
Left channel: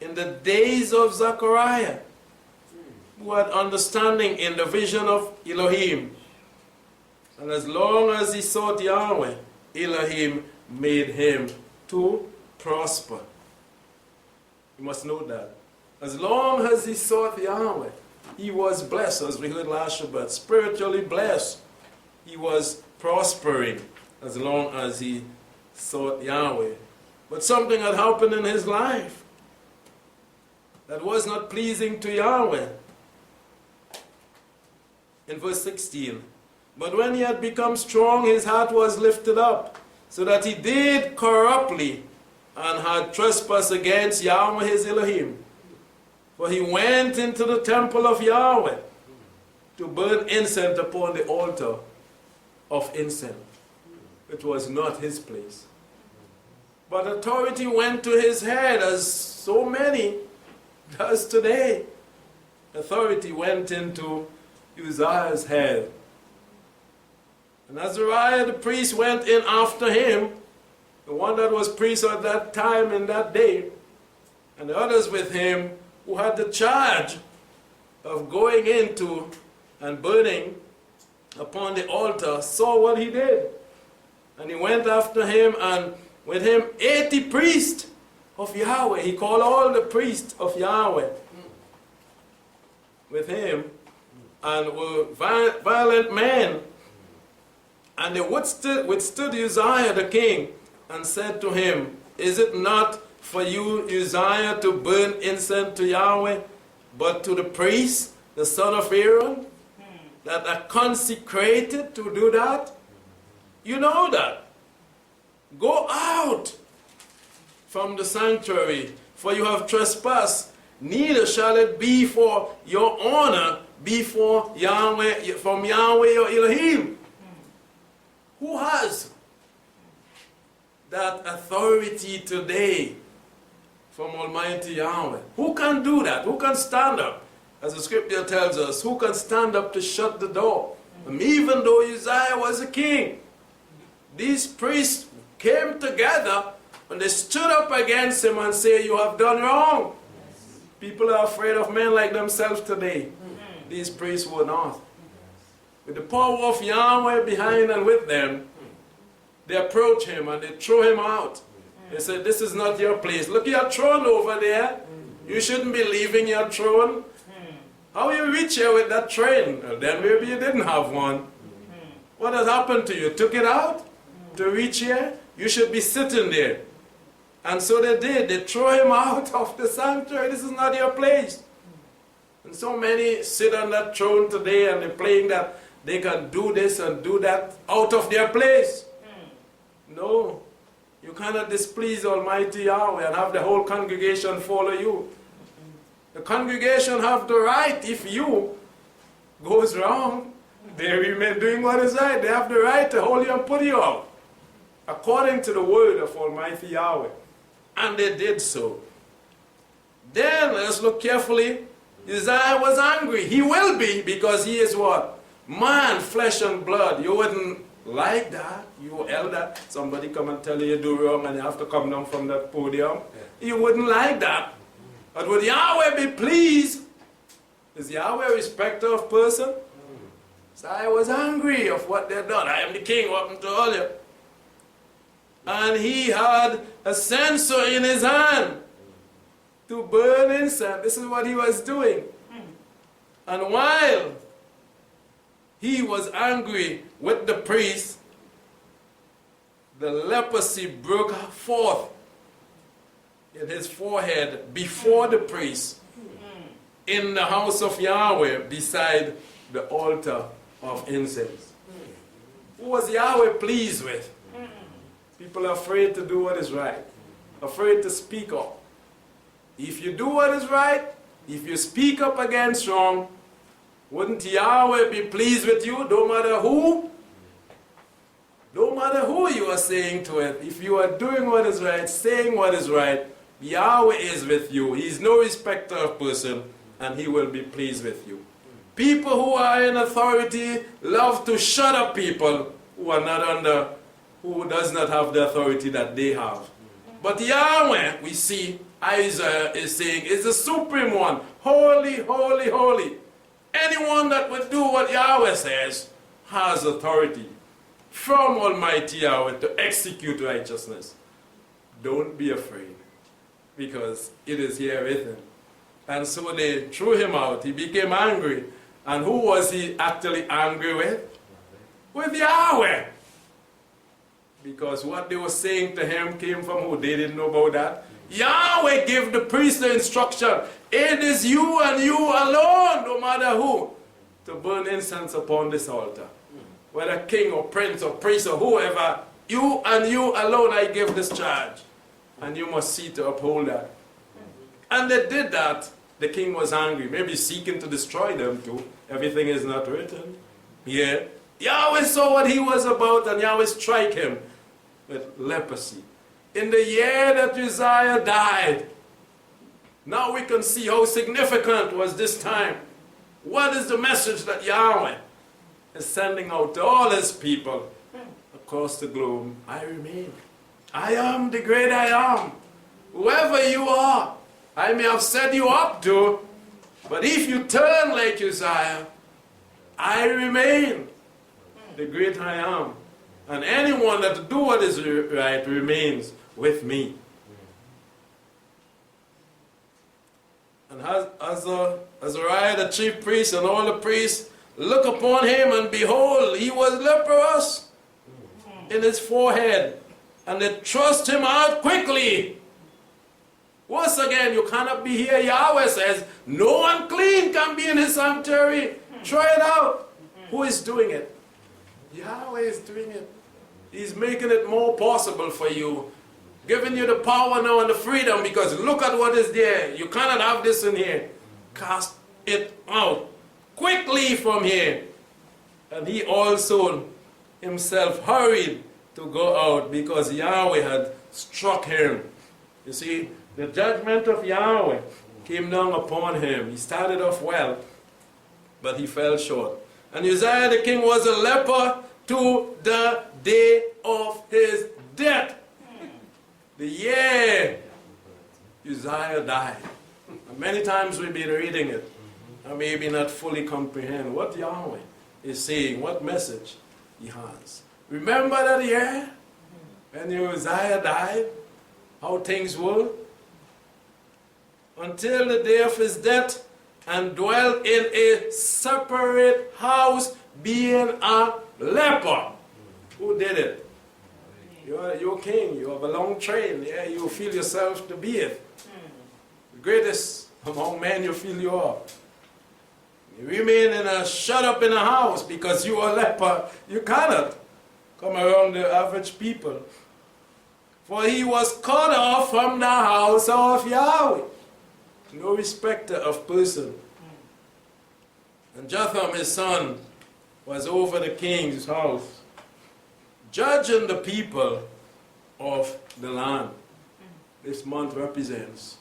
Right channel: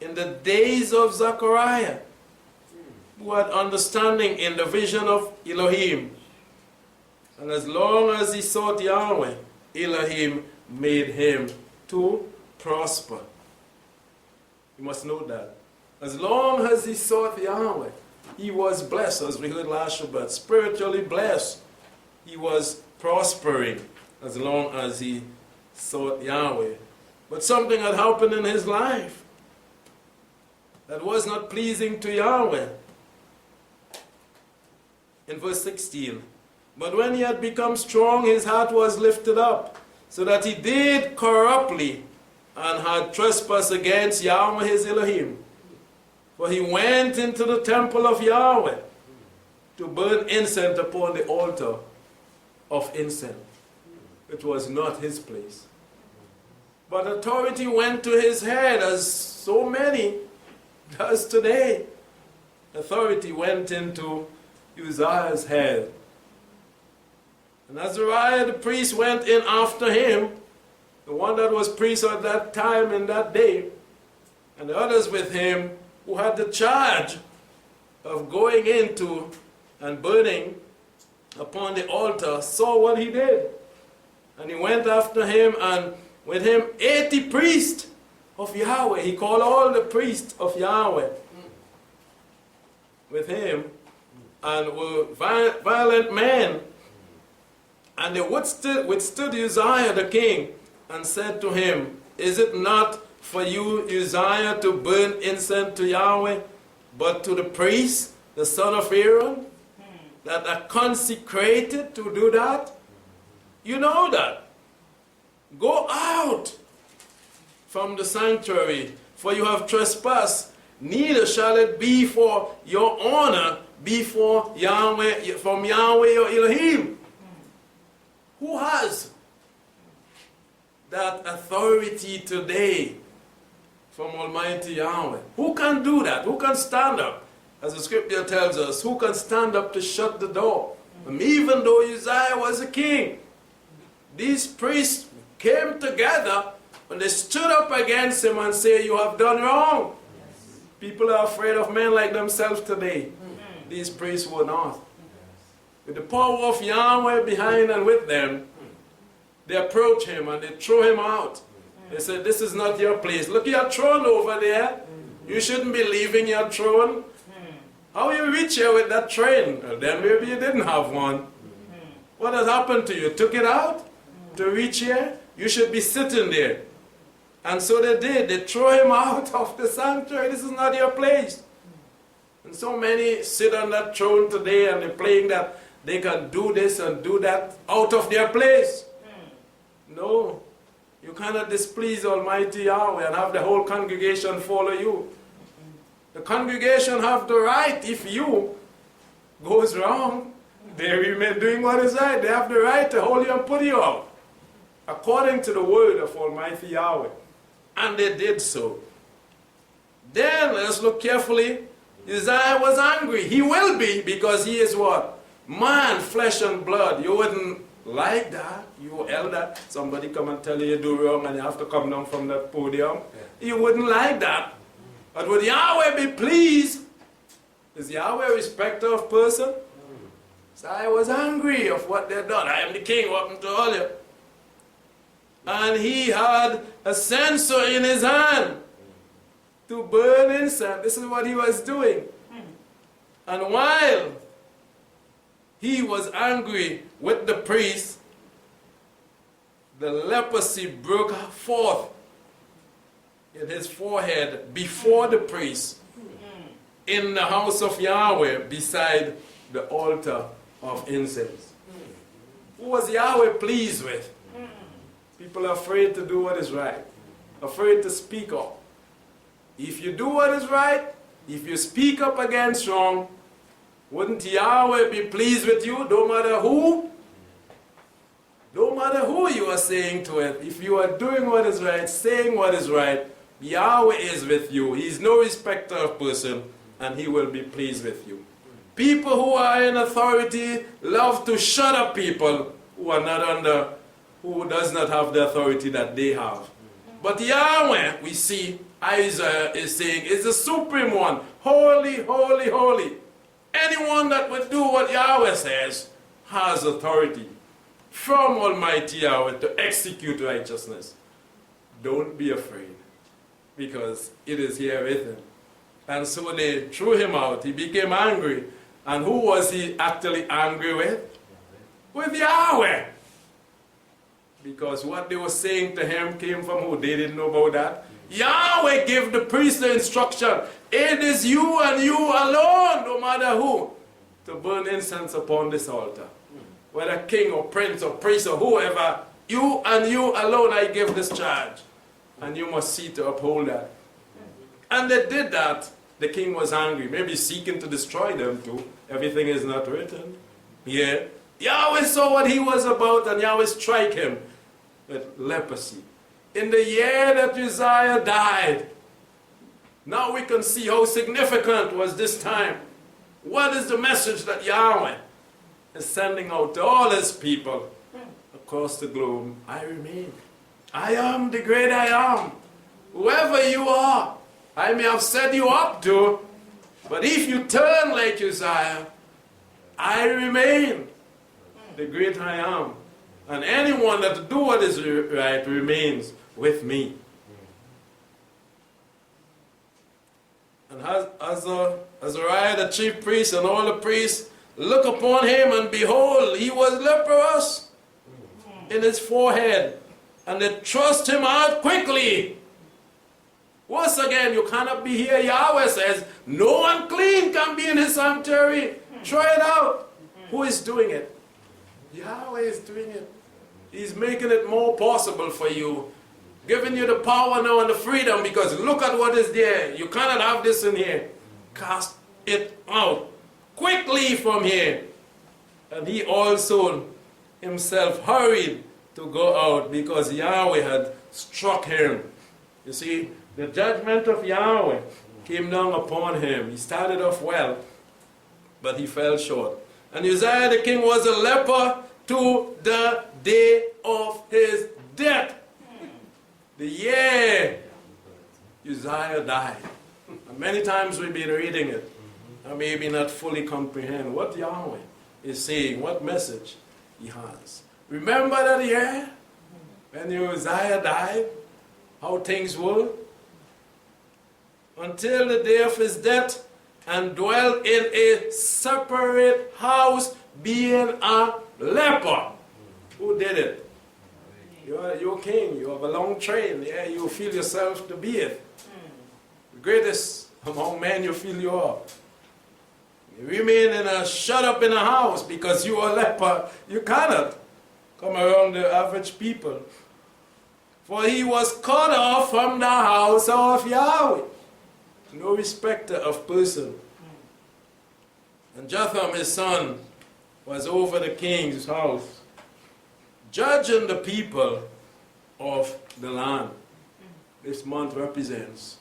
in the days of Zechariah, who had understanding in the vision of Elohim. And as long as he sought Yahweh, Elohim made him to prosper. You must know that. As long as he sought Yahweh, he was blessed, as we heard last Shabbat. Spiritually blessed. He was prospering as long as he sought Yahweh. But something had happened in his life that was not pleasing to Yahweh. In verse 16, but when he had become strong, his heart was lifted up, so that he did corruptly and had trespassed against Yahweh his Elohim. For he went into the temple of Yahweh to burn incense upon the altar of incense. It was not his place. But authority went to his head, as so many does today. Authority went into Uzziah's head. And Azariah the priest went in after him, the one that was priest at that time in that day, and the others with him who had the charge of going into and burning upon the altar, saw what he did. And he went after him, and with him 80 priests of Yahweh. He called all the priests of Yahweh with him, and were violent men. And they withstood Uzziah the king, and said to him, is it not for you, Uzziah, to burn incense to Yahweh, but to the priest, the son of Aaron, that are consecrated to do that? You know that. Go out from the sanctuary, for you have trespassed. Neither shall it be for your honor before Yahweh, from Yahweh your Elohim. Who has that authority today from Almighty Yahweh? Who can do that? Who can stand up? As the scripture tells us, who can stand up to shut the door? And even though Uzziah was a king, these priests came together and they stood up against him and said, you have done wrong. Yes. People are afraid of men like themselves today. These priests were not. With the power of Yahweh behind and with them, they approach him and they throw him out. They said, this is not your place. Look at your throne over there. You shouldn't be leaving your throne. How you reach here with that train? Well, then maybe you didn't have one. What has happened to you? Took it out to reach here? You should be sitting there. And so they did. They throw him out of the sanctuary. This is not your place. And so many sit on that throne today and they're playing that they can do this and do that out of their place. No. You cannot displease Almighty Yahweh and have the whole congregation follow you. The congregation have the right, if you goes wrong, they remain doing what is right. They have the right to hold you and put you out, according to the word of Almighty Yahweh. And they did so. Then, let's look carefully. Uzziah was angry. He will be, because he is what? Man, flesh and blood. You wouldn't like that. You elder, somebody come and tell you you do wrong and you have to come down from that podium. You wouldn't like that. But would Yahweh be pleased? Is Yahweh a respecter of person? So I was angry of what they've done. I am the king, what happened to all you? And he had a censer in his hand to burn incense. This is what he was doing. And while he was angry with the priest, the leprosy broke forth in his forehead before the priest in the house of Yahweh beside the altar of incense. Who was Yahweh pleased with? People are afraid to do what is right, afraid to speak up. If you do what is right, If you speak up against wrong, wouldn't Yahweh be pleased with you, no matter who? No matter who you are saying to it, if you are doing what is right, saying what is right, Yahweh is with you. He is no respecter of person, and he will be pleased with you. People who are in authority love to shut up people who are not under, who does not have the authority that they have. But Yahweh, we see, Isaiah is saying, is the supreme one. Holy, holy, holy. Anyone that would do what Yahweh says has authority from Almighty Yahweh to execute righteousness. Don't be afraid, because it is here with him. And so they threw him out. He became angry. And who was he actually angry with? With Yahweh. Because what they were saying to him came from who? They didn't know about that. Yahweh gave the priest the instruction, it is you and you alone, no matter who, to burn incense upon this altar. Whether king or prince or priest or whoever, you and you alone I give this charge. And you must see to uphold that. And they did that. The king was angry, maybe seeking to destroy them too. Everything is not written. Yeah. Yahweh saw what he was about, and Yahweh strike him with leprosy. In the year that Uzziah died, now we can see how significant was this time. What is the message that Yahweh is sending out to all his people across the globe? I remain. I am the great I am. Whoever you are, I may have set you up to, but if you turn like Uzziah, I remain the great I am. And anyone that do what is right remains with me. And Azariah, the chief priest, and all the priests look upon him, and behold, he was leprous in his forehead. And they thrust him out quickly. Once again, you cannot be here. Yahweh says, no unclean can be in his sanctuary. Try it out. Who is doing it? Yahweh is doing it. He's making it more possible for you. Giving you the power now and the freedom, because look at what is there. You cannot have this in here. Cast it out quickly from here. And he also himself hurried to go out because Yahweh had struck him. You see, the judgment of Yahweh came down upon him. He started off well, but he fell short. And Uzziah the king was a leper to the day of his death. The year Uzziah died. And many times we've been reading it and maybe not fully comprehend what Yahweh is saying, what message he has. Remember that year when Uzziah died, how things were? Until the day of his death, and dwelt in a separate house, being a leper. Who did it? You're king. You have a long train. Yeah, you feel yourself to be it. The greatest among men you feel you are. You remain shut up in a house because you are a leper. You cannot come around the average people. For he was cut off from the house of Yahweh. No respecter of person. And Jotham, his son, was over the king's house, judging the people of the land. This month represents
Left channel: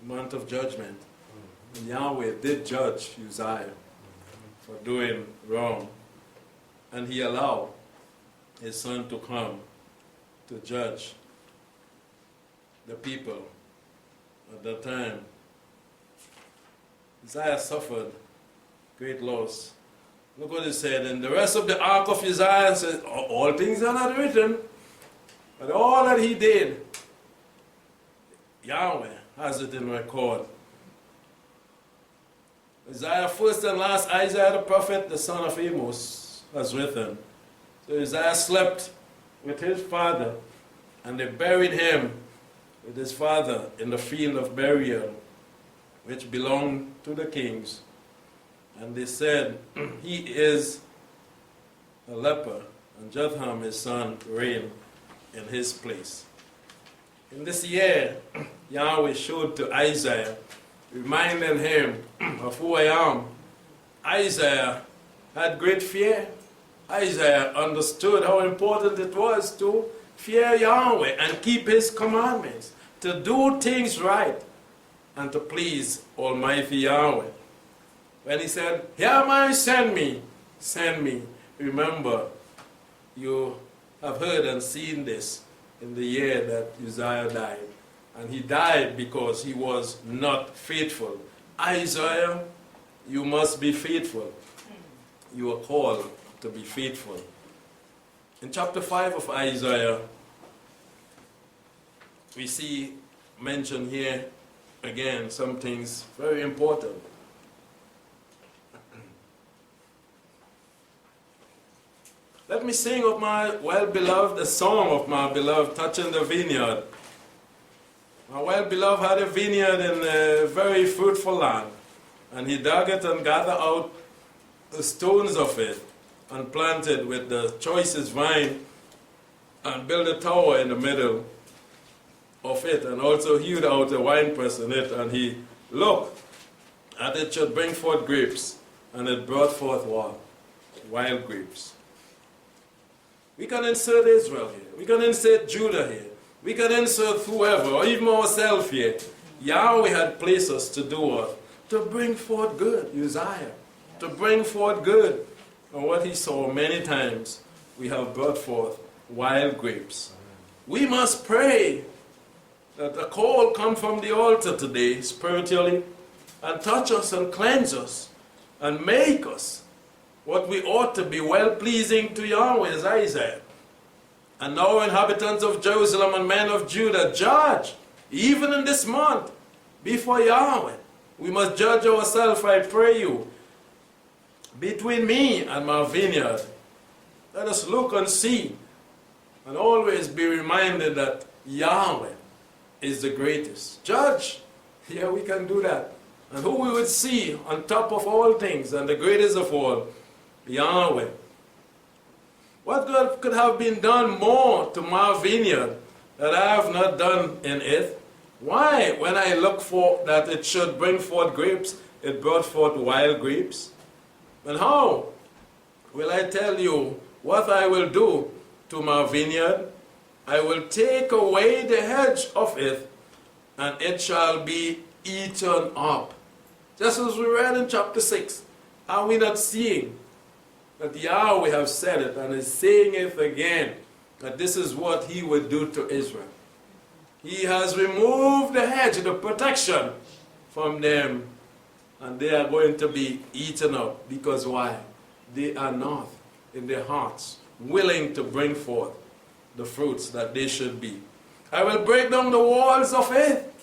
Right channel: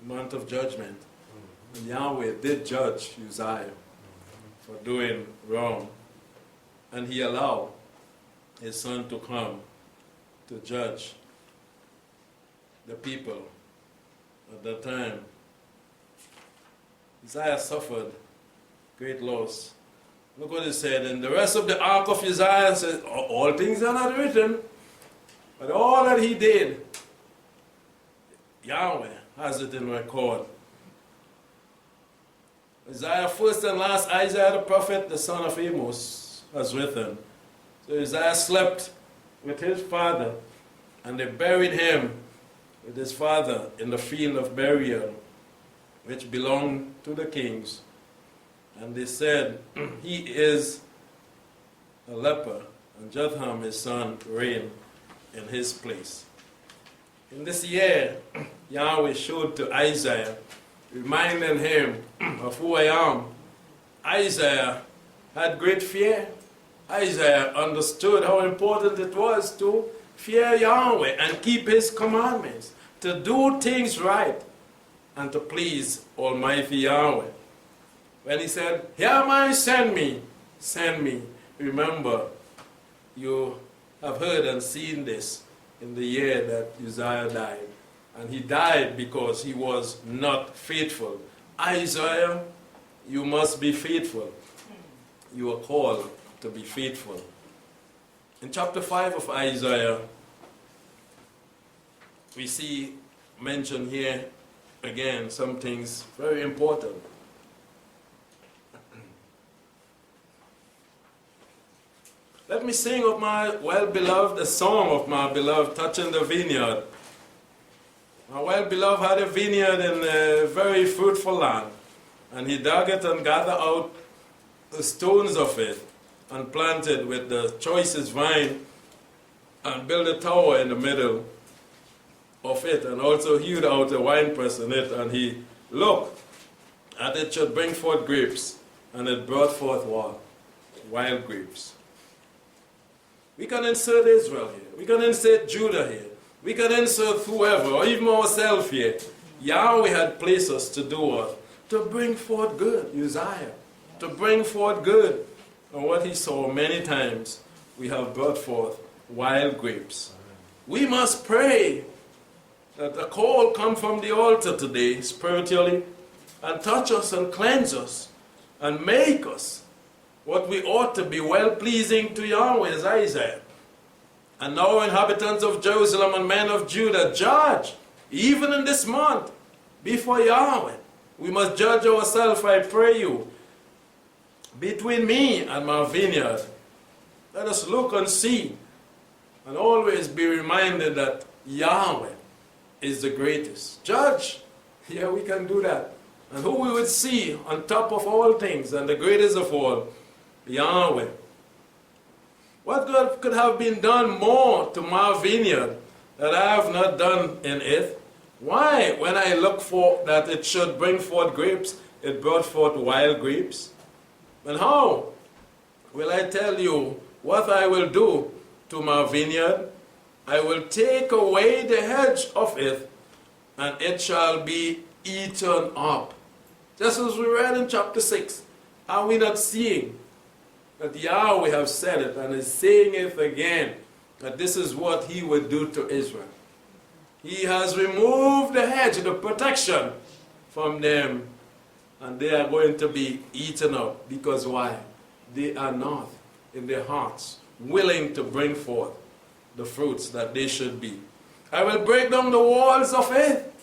the month of judgment. And Yahweh did judge Uzziah for doing wrong. And he allowed his son to come to judge the people at that time. Uzziah suffered great loss. Look what he said. And the rest of the ark of Uzziah says, all things are not written, but all that he did, Yahweh has it in record. Isaiah first and last, Isaiah the prophet, the son of Amos, has written. So Uzziah slept with his father, and they buried him with his father in the field of burial, which belonged to the kings. And they said, he is a leper, and Jotham, his son, reigned in his place. In this year, Yahweh showed to Isaiah reminding him of who I am. Isaiah had great fear. Isaiah understood how important it was to fear Yahweh and keep his commandments, to do things right, and to please Almighty Yahweh. When he said, "Here am I, send me," remember, you have heard and seen this in the year that Uzziah died. And he died because he was not faithful. Isaiah, you must be faithful. You are called to be faithful. In chapter 5 of Isaiah, we see mentioned here again some things very important. Let me sing of my well-beloved, a song of my beloved touching the vineyard. My well-beloved had a vineyard in a very fruitful land, and he dug it and gathered out the stones of it and planted with the choicest vine and built a tower in the middle of it, and also hewed out a winepress in it, and he looked that it should bring forth grapes, and it brought forth what? Wild grapes. We can insert Israel here. We can insert Judah here. We can insert whoever, or even ourselves here. Yahweh had placed us to do what? To bring forth good, Uzziah. To bring forth good. And what he saw many times, we have brought forth wild grapes. We must pray that the call come from the altar today, spiritually, and touch us and cleanse us, and make us what we ought to be, well-pleasing to Yahweh, as Isaiah. And now, inhabitants of Jerusalem and men of Judah, judge, even in this month, before Yahweh. We must judge ourselves, I pray you, between me and my vineyard. Let us look and see, and always be reminded that Yahweh is the greatest. Judge, yeah, we can do that. And who we would see on top of all things, and the greatest of all, Yahweh. What God could have been done more to my vineyard that I have not done in it? Why, when I look for that it should bring forth grapes, it brought forth wild grapes? And how will I tell you what I will do to my vineyard? I will take away the hedge of it, and it shall be eaten up. Just as we read in chapter 6. Are we not seeing that Yahweh have said it and is saying it again, that this is what he would do to Israel? He has removed the hedge, the protection from them, and they are going to be eaten up. Because why? They are not in their hearts willing to bring forth the fruits that they should be. I will break down the walls of it.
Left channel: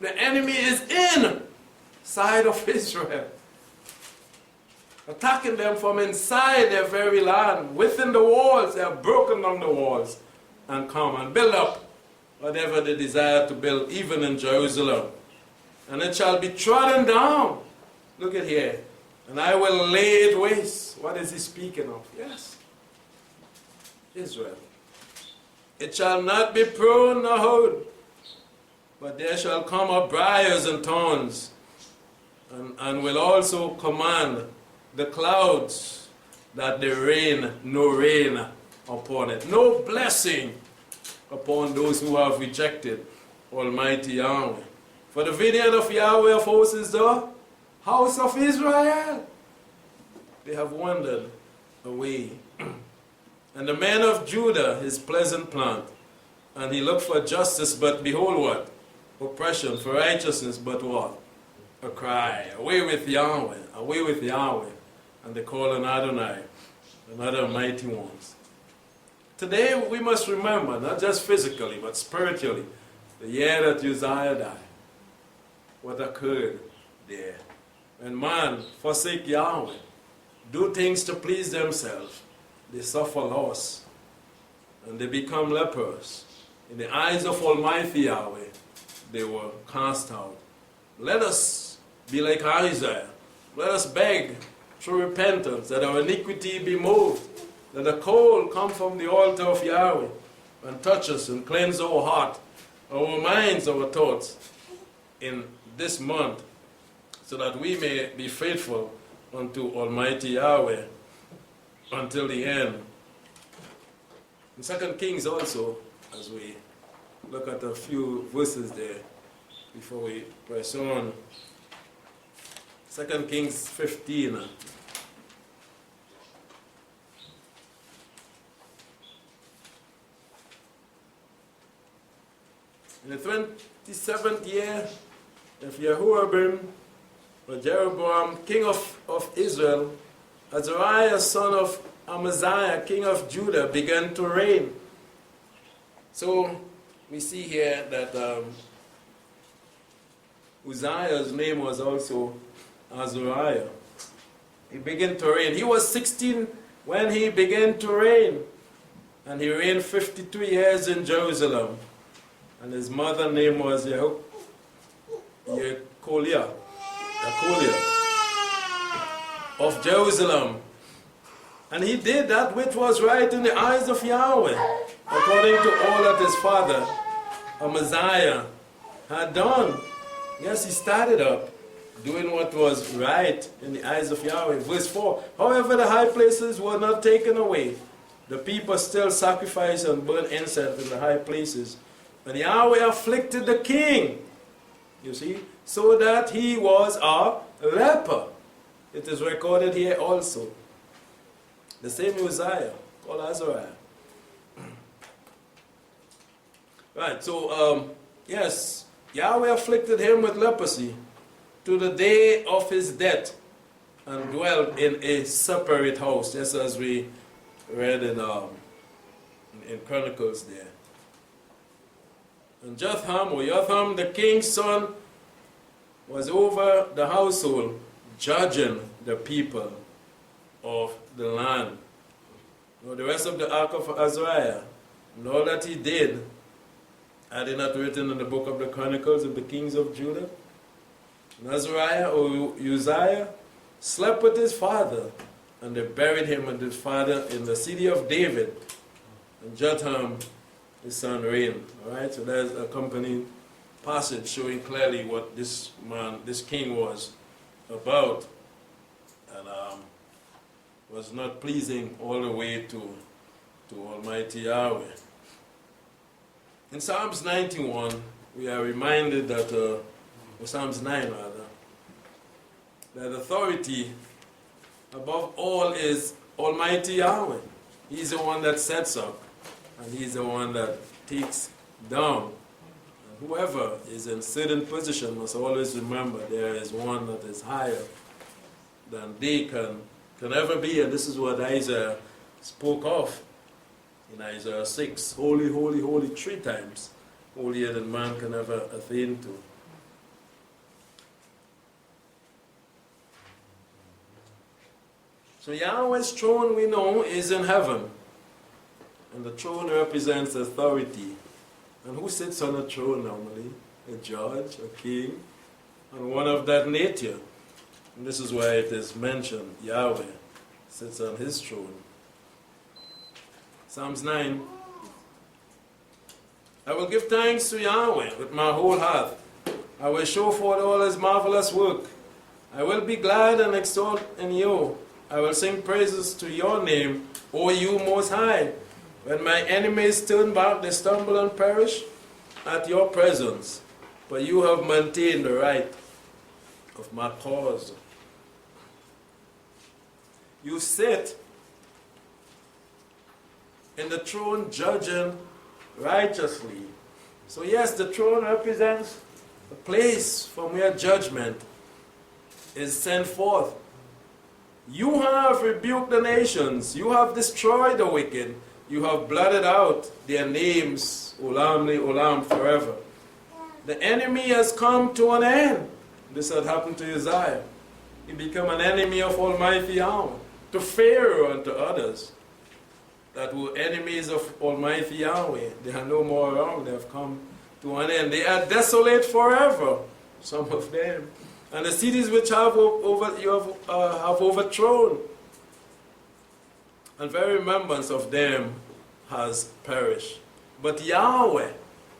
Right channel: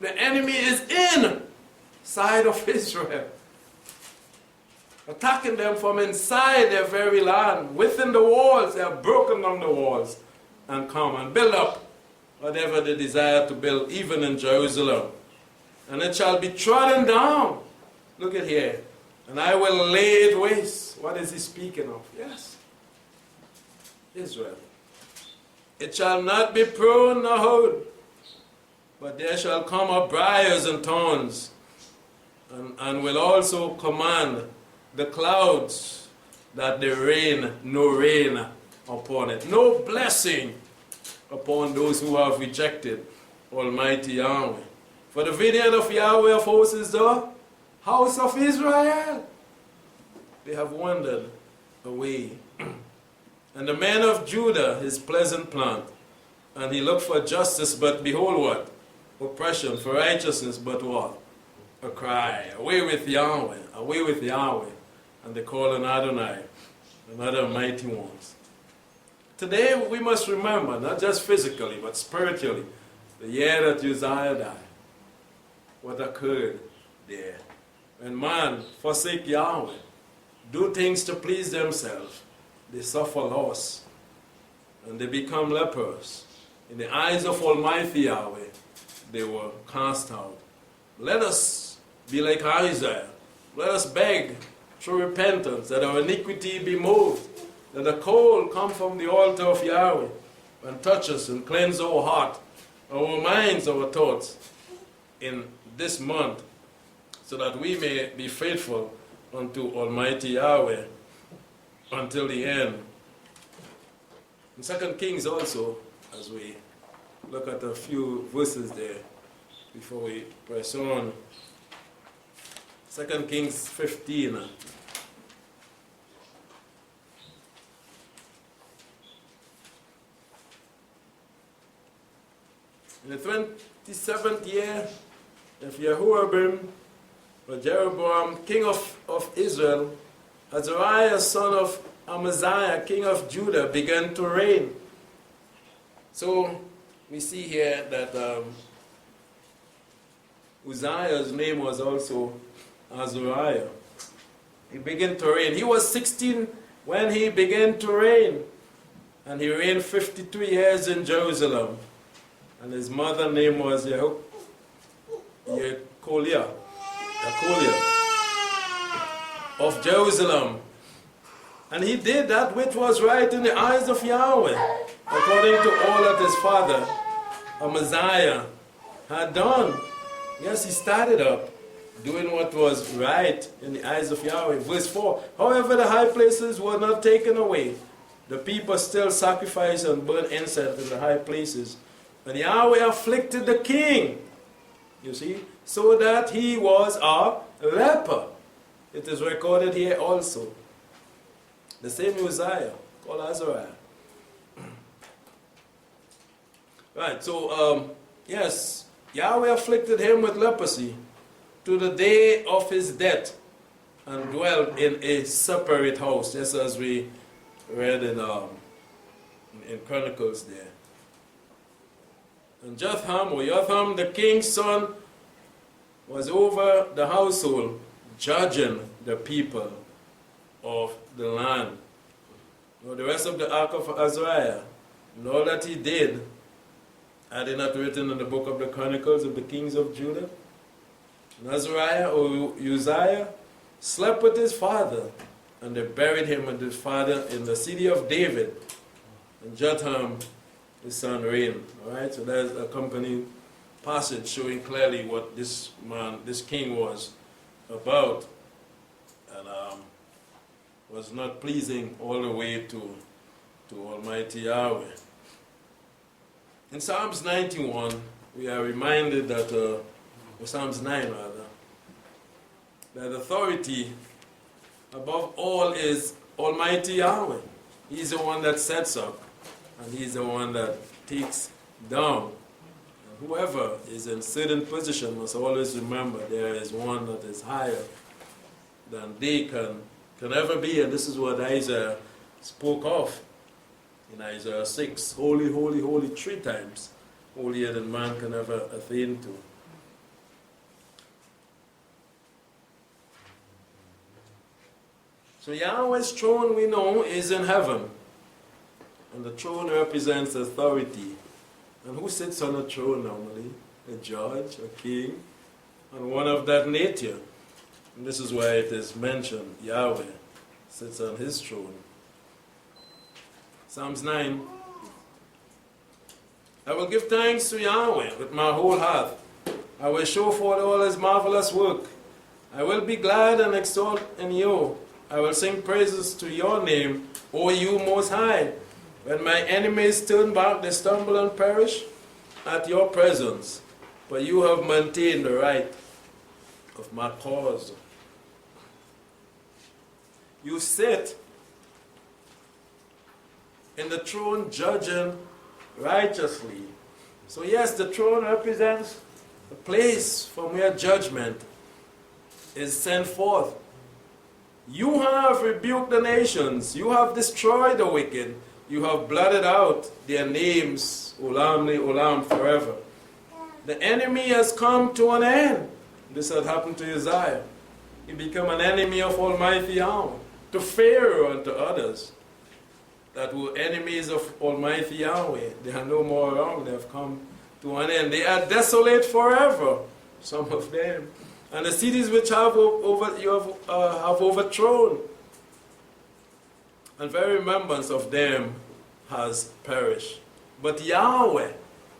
The enemy is inside of Israel, attacking them from inside their very land. Within the walls, they have broken down the walls and come and build up whatever they desire to build, even in Jerusalem. And it shall be trodden down. Look at here. And I will lay it waste. What is he speaking of? Yes, Israel. It shall not be pruned nor hoed, but there shall come up briars and thorns, and will also command the clouds that there rain no rain upon it. No blessing upon those who have rejected Almighty Yahweh. For the vineyard of Yahweh of hosts is the house of Israel. They have wandered away. And the man of Judah, his pleasant plant. And he looked for justice, but behold what? Oppression. For righteousness, but what? A cry. Away with Yahweh. Away with Yahweh. And they call on Adonai, another mighty ones. Today we must remember, not just physically, but spiritually, the year that Uzziah died. What occurred there. When man forsake Yahweh, do things to please themselves, they suffer loss, and they become lepers. In the eyes of Almighty Yahweh, they were cast out. Let us be like Isaiah. Let us beg through repentance that our iniquity be moved, that the coal come from the altar of Yahweh and touch us and cleanse our heart, our minds, our thoughts in this month so that we may be faithful unto Almighty Yahweh until the end. In 2 Kings also, as we look at a few verses there before we press on. 2 Kings 15. In the 27th year of Jehoram, or Jeroboam, king of Israel, Azariah, son of Amaziah, king of Judah, began to reign. So we see here that Uzziah's name was also Azariah. He began to reign. He was 16 when he began to reign. And he reigned 52 years in Jerusalem. And his mother's name was Yekoliah of Jerusalem. And he did that which was right in the eyes of Yahweh, according to all that his father, Amaziah, had done. Yes, he started up doing what was right in the eyes of Yahweh. Verse 4, however, the high places were not taken away. The people still sacrificed and burned incense in the high places. And Yahweh afflicted the king, you see, so that he was a leper. It is recorded here also. The same Uzziah, called Azariah. Right, so, yes, Yahweh afflicted him with leprosy to the day of his death and dwelt in a separate house, just as we read in Chronicles there. And Jotham, the king's son, was over the household, judging the people of the land. Now, the rest of the ark of Azariah, and all that he did, are they not written in the book of the Chronicles of the kings of Judah? And Azariah, or Uzziah, slept with his father, and they buried him with his father in the city of David. And Jotham, his son, reigned. All right, so there's a accompanying passage showing clearly what this man, this king, was about, and was not pleasing all the way to Almighty Yahweh. In Psalms 91, we are reminded that, or Psalms 9 rather, that authority above all is Almighty Yahweh. He's the one that sets up, and he's the one that takes down. And whoever is in certain position must always remember there is one that is higher than they can ever be, and this is what Isaiah spoke of in Isaiah 6. Holy, holy, holy, 3 times, holier than man can ever attain to. So Yahweh's throne, we know, is in heaven. And the throne represents authority. And who sits on a throne normally? A judge, a king, and one of that nature. And this is why it is mentioned, Yahweh sits on his throne. Psalms 9. I will give thanks to Yahweh with my whole heart. I will show forth all his marvelous work. I will be glad and exalt in you. I will sing praises to your name, O you Most High. When my enemies turn back, they stumble and perish at your presence. But you have maintained the right of my cause. You sit in the throne judging righteously. So yes, the throne represents a place from where judgment is sent forth. You have rebuked the nations. You have destroyed the wicked. You have blotted out their names, Olam le Olam, forever. The enemy has come to an end. This had happened to Uzziah. He became an enemy of Almighty Yahweh, to Pharaoh and to others that were enemies of Almighty Yahweh. They are no more around. They have come to an end. They are desolate forever, some of them. And the cities which you have overthrown, and very remembrance of them has perished. But Yahweh,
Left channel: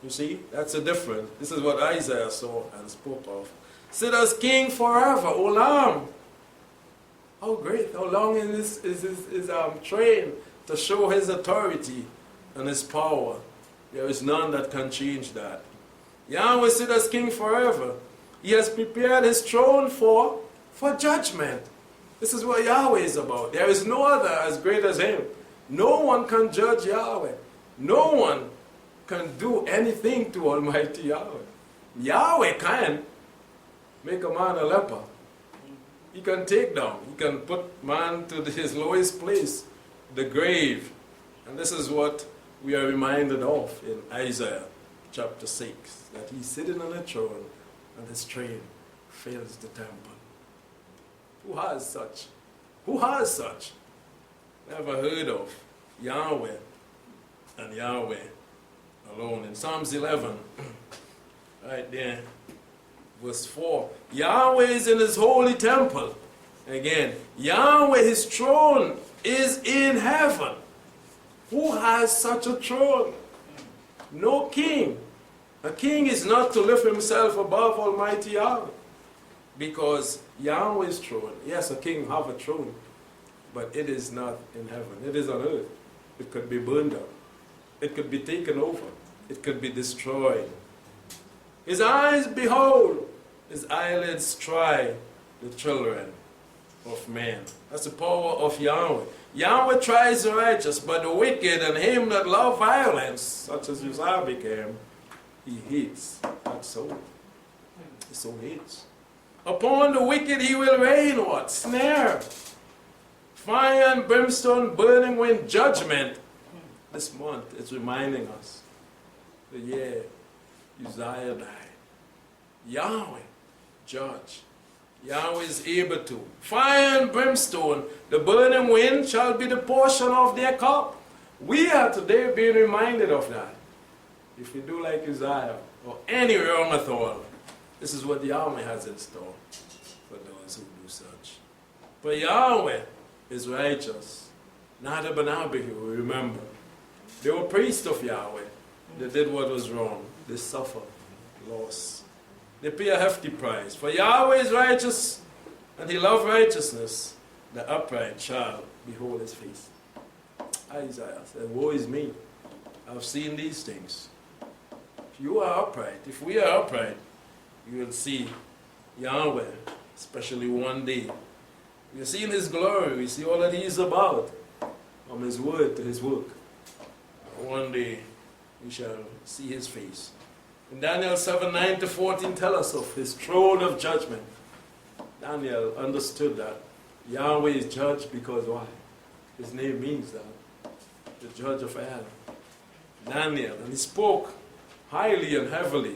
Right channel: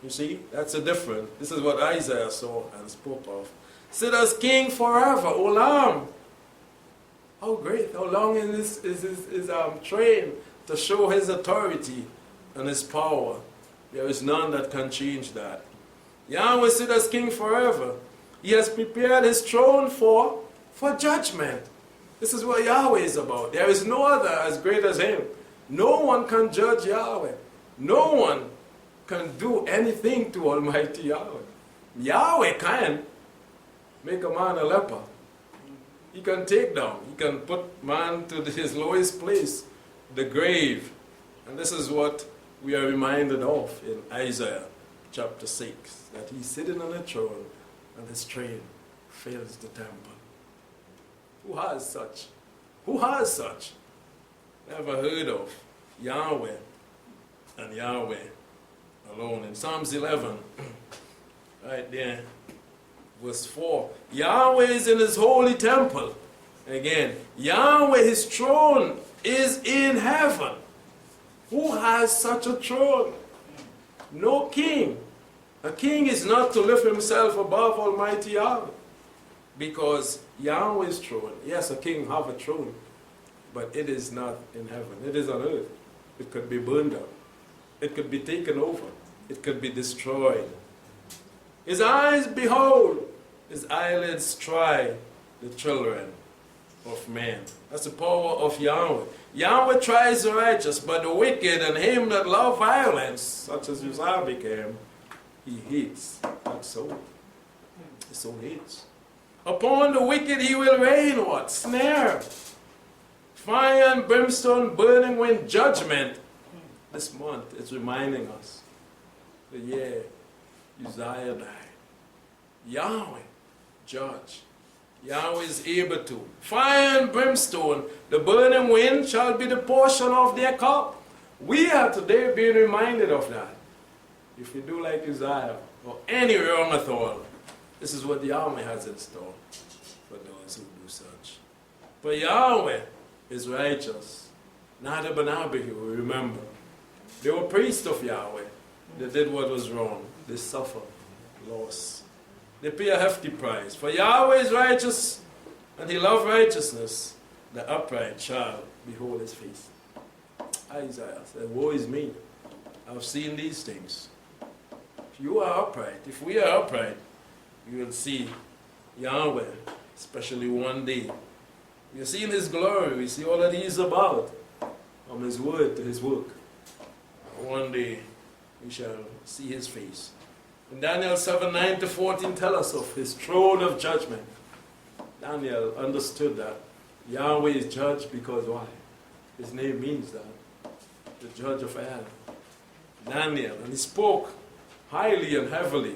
you see, that's a different. This is what Isaiah saw and spoke of. sit as king forever. Olam. How great, how long is his train to show his authority and his power. There is none that can change that. Yahweh sit as king forever. He has prepared his throne for judgment. This is what Yahweh is about. There is no other as great as him. No one can judge Yahweh. No one can do anything to Almighty Yahweh. Yahweh can make a man a leper. He can take down. He can put man to his lowest place, the grave. And this is what we are reminded of in Isaiah chapter 6, that he's sitting on a throne and his train fills the temple. Who has such? Who has such? Never heard of Yahweh and Yahweh alone. In Psalms 11, right there, verse 4, Yahweh is in his holy temple. Again, Yahweh, his throne is in heaven. Who has such a throne? No king. A king is not to lift himself above Almighty Yahweh. Because Yahweh's throne, yes, a king have a throne, but it is not in heaven. It is on earth. It could be burned up. It could be taken over. It could be destroyed. His eyes behold, his eyelids try the children of men. That's the power of Yahweh. Yahweh tries the righteous, but the wicked and him that love violence, such as Uzziah became, he hates. That's so. He so hates. Upon the wicked he will rain what? Snare. Fire and brimstone, burning wind, judgment. This month it's reminding us the year Uzziah died. Yahweh, judge. Yahweh is able to. Fire and brimstone, the burning wind shall be the portion of their cup. We are today being reminded of that. If we do like Uzziah or any wrong at all, this is what Yahweh has in store for those who do such. But Yahweh is righteous. Nadab and Abihu, remember. They were priests of Yahweh. They did what was wrong. They suffered loss. They pay a hefty price. For Yahweh is righteous, and he loves righteousness. The upright shall behold his face. Isaiah said, woe is me. I've seen these things. If you are upright, if we are upright, you will see Yahweh, especially one day. We are seeing his glory. We see all that he is about, from his word to his work. One day we shall see his face. In Daniel 7:9-14 tell us of his throne of judgment. Daniel understood that Yahweh is judge because why? His name means that. The judge of all. Daniel, and he spoke highly and heavily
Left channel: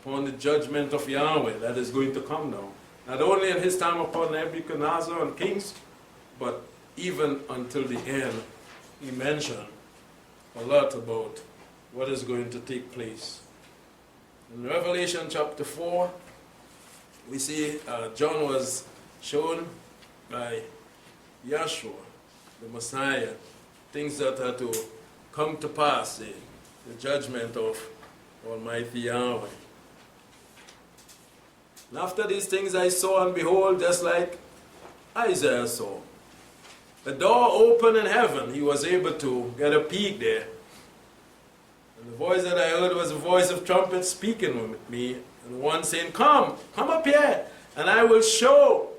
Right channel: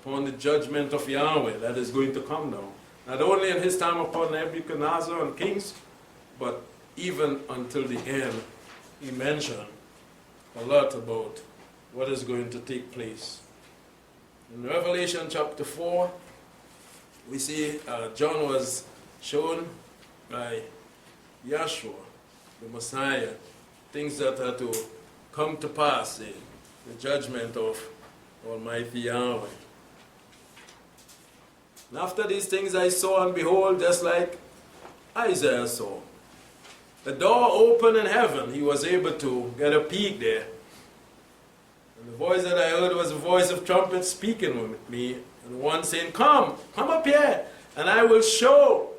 upon the judgment of Yahweh that is going to come down. Not only in his time upon Nebuchadnezzar and kings, but even until the end. He mentioned a lot about what is going to take place. In Revelation chapter 4, we see John was shown by Yeshua, the Messiah, things that are to come to pass, the judgment of Almighty Yahweh. And after these things I saw, and behold, just like Isaiah saw, the door opened in heaven. He was able to get a peek there. And the voice that I heard was a voice of trumpet speaking with me, and one saying, come up here, and I will show.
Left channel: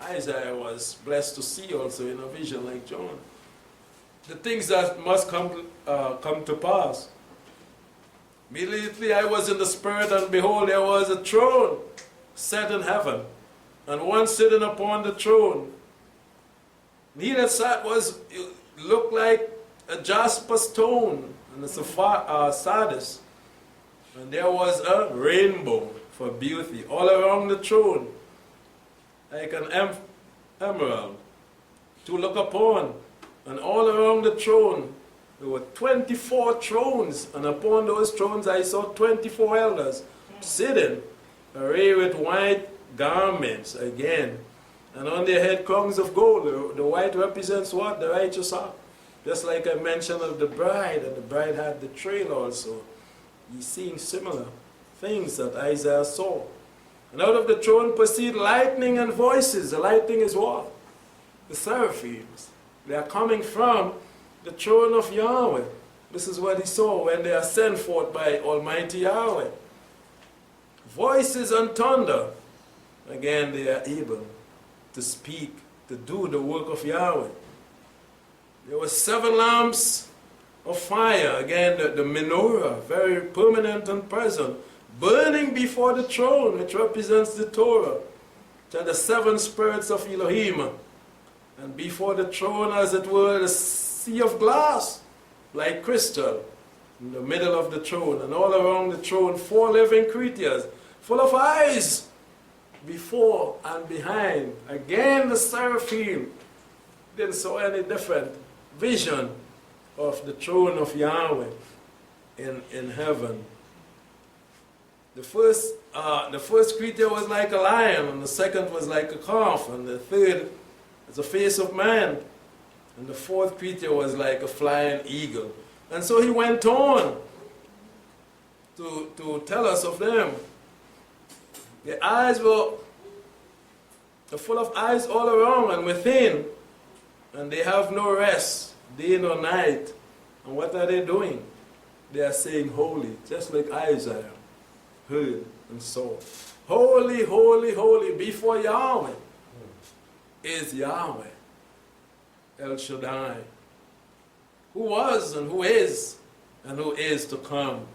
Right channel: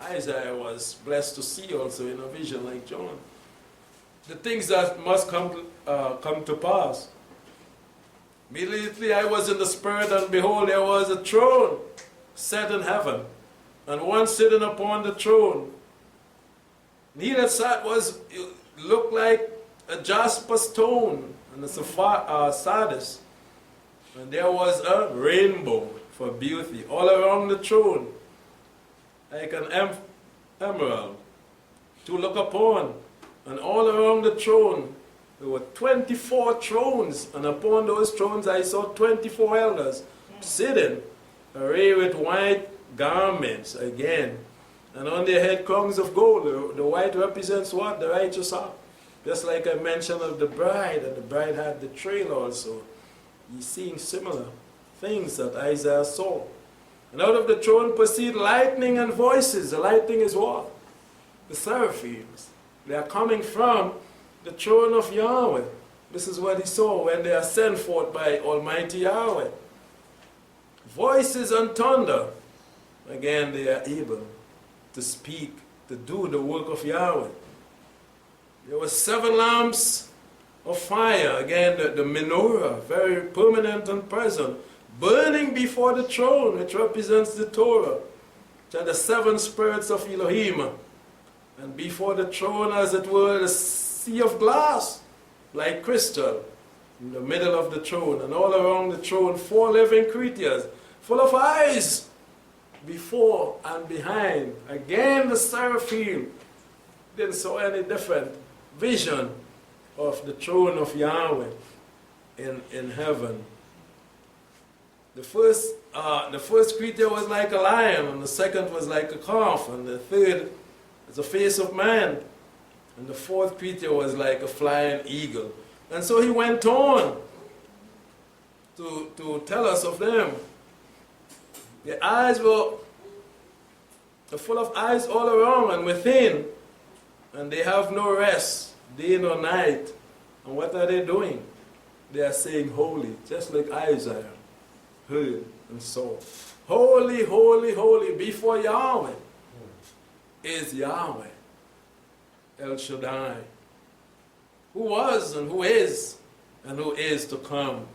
Isaiah was blessed to see also in a vision like John the things that must come to pass. Immediately I was in the Spirit, and behold, there was a throne set in heaven, and one sitting upon the throne. And he that sat looked like a jasper stone, and a sardis. And there was a rainbow for beauty all around the throne, like an emerald to look upon. And all around the throne, there were 24 thrones, and upon those thrones I saw 24 elders sitting, arrayed with white garments again, and on their head crowns of gold. The white represents what? The righteous are. Just like I mentioned of the bride, and the bride had the trail also. He's seeing similar things that Isaiah saw. And out of the throne proceed lightning and voices. The lightning is what? The seraphims. They are coming from the throne of Yahweh. This is what he saw when they are sent forth by Almighty Yahweh. Voices and thunder. Again, they are able to speak, to do the work of Yahweh. There were 7 lamps of fire. Again, the menorah, very permanent and present, burning before the throne, which represents the Torah, which are the 7 spirits of Elohim. And before the throne, as it were, the sea of glass, like crystal, in the middle of the throne. And all around the throne, 4 living creatures, full of eyes, before and behind. Again, the seraphim didn't saw any different vision of the throne of Yahweh in heaven. The first creature was like a lion, and the second was like a calf, and the third is a face of man, and the fourth creature was like a flying eagle. And so he went on to tell us of them. Their eyes were full of eyes all around and within, and they have no rest, day nor night. And what are they doing? They are saying holy, just like Isaiah heard and saw. Holy, holy, holy, before Yahweh is Yahweh, El Shaddai, who was and who is to come.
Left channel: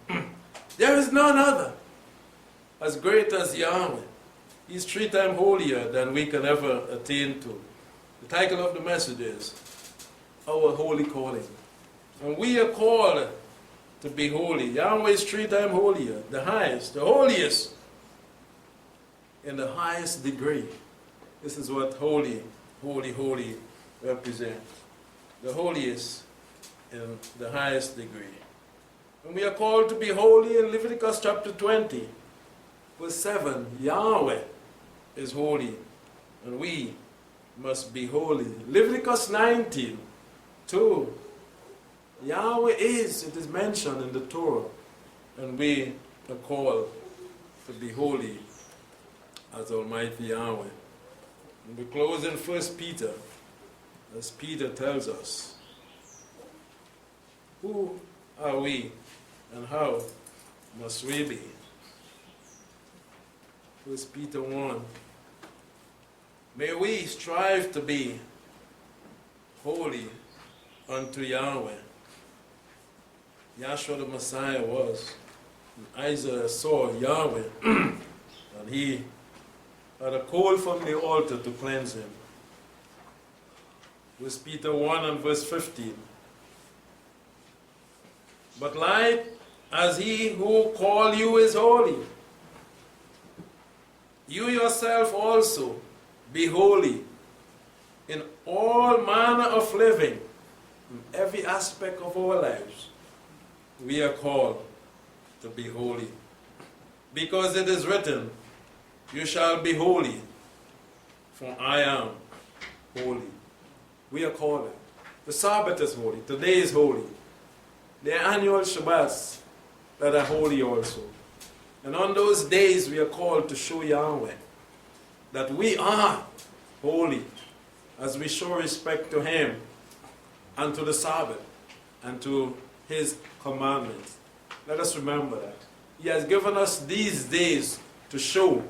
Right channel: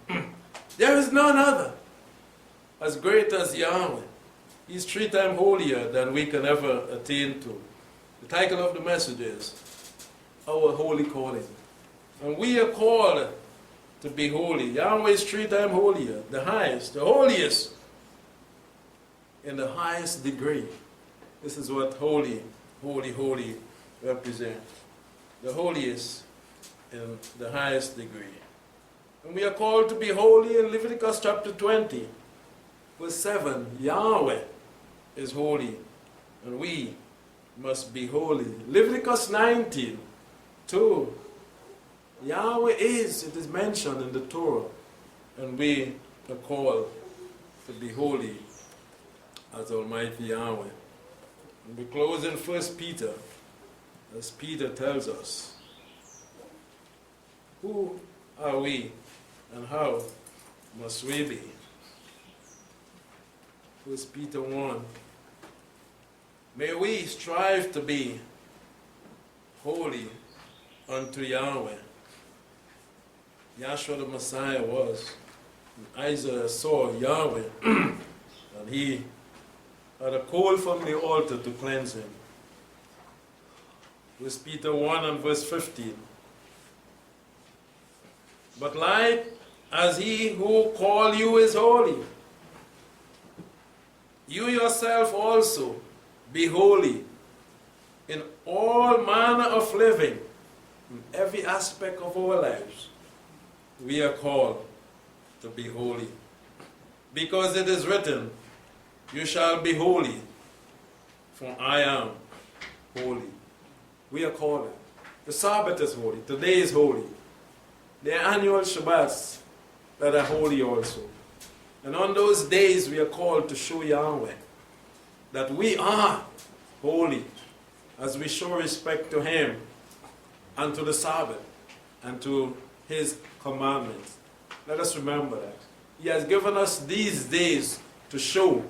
There is none other as great as Yahweh. He's 3 times holier than we can ever attain to. The title of the message is Our Holy Calling. And we are called to be holy. Yahweh is 3 times holier, the highest, the holiest, in the highest degree. This is what holy, holy, holy represents. The holiest in the highest degree. And we are called to be holy in Leviticus chapter 20, verse 7. Yahweh is holy, and we must be holy. Leviticus 19, 2. Yahweh is, it is mentioned in the Torah, and we are called to be holy as Almighty Yahweh. And we close in 1 Peter, as Peter tells us. Who are we, and how must we be? 1 Peter 1. May we strive to be holy unto Yahweh. Yahshua the Messiah was. And Isaiah saw Yahweh, and he had a coal from the altar to cleanse him. 1 Peter 1 and verse 15. But like as he who called you is holy, you yourself also be holy in all manner of living, in every aspect of our lives. We are called to be holy. Because it is written, you shall be holy, for I am holy. We are called. The Sabbath is holy. Today is holy. There are annual Shabbats that are holy also. And on those days we are called to show Yahweh that we are holy as we show respect to Him and to the Sabbath and to His commandments. Let us remember that. He has given us these days to show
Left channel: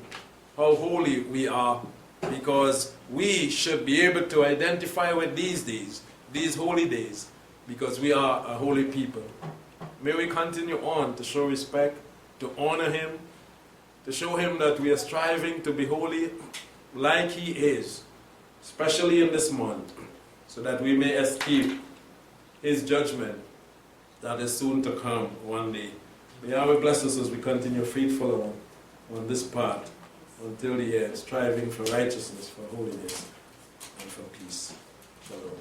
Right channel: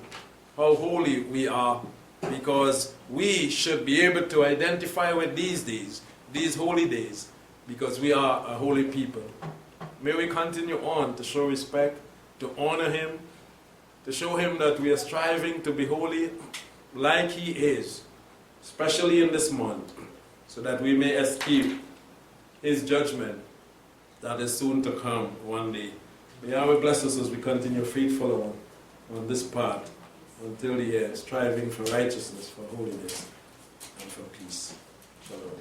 how holy we are, because we should be able to identify with these days, these holy days, because we are a holy people. May we continue on to show respect, to honor Him, to show Him that we are striving to be holy like He is, especially in this month, so that we may escape His judgment that is soon to come one day. May Yahweh bless us as we continue faithful on this path until the end, striving for righteousness, for holiness, and for peace. Shalom.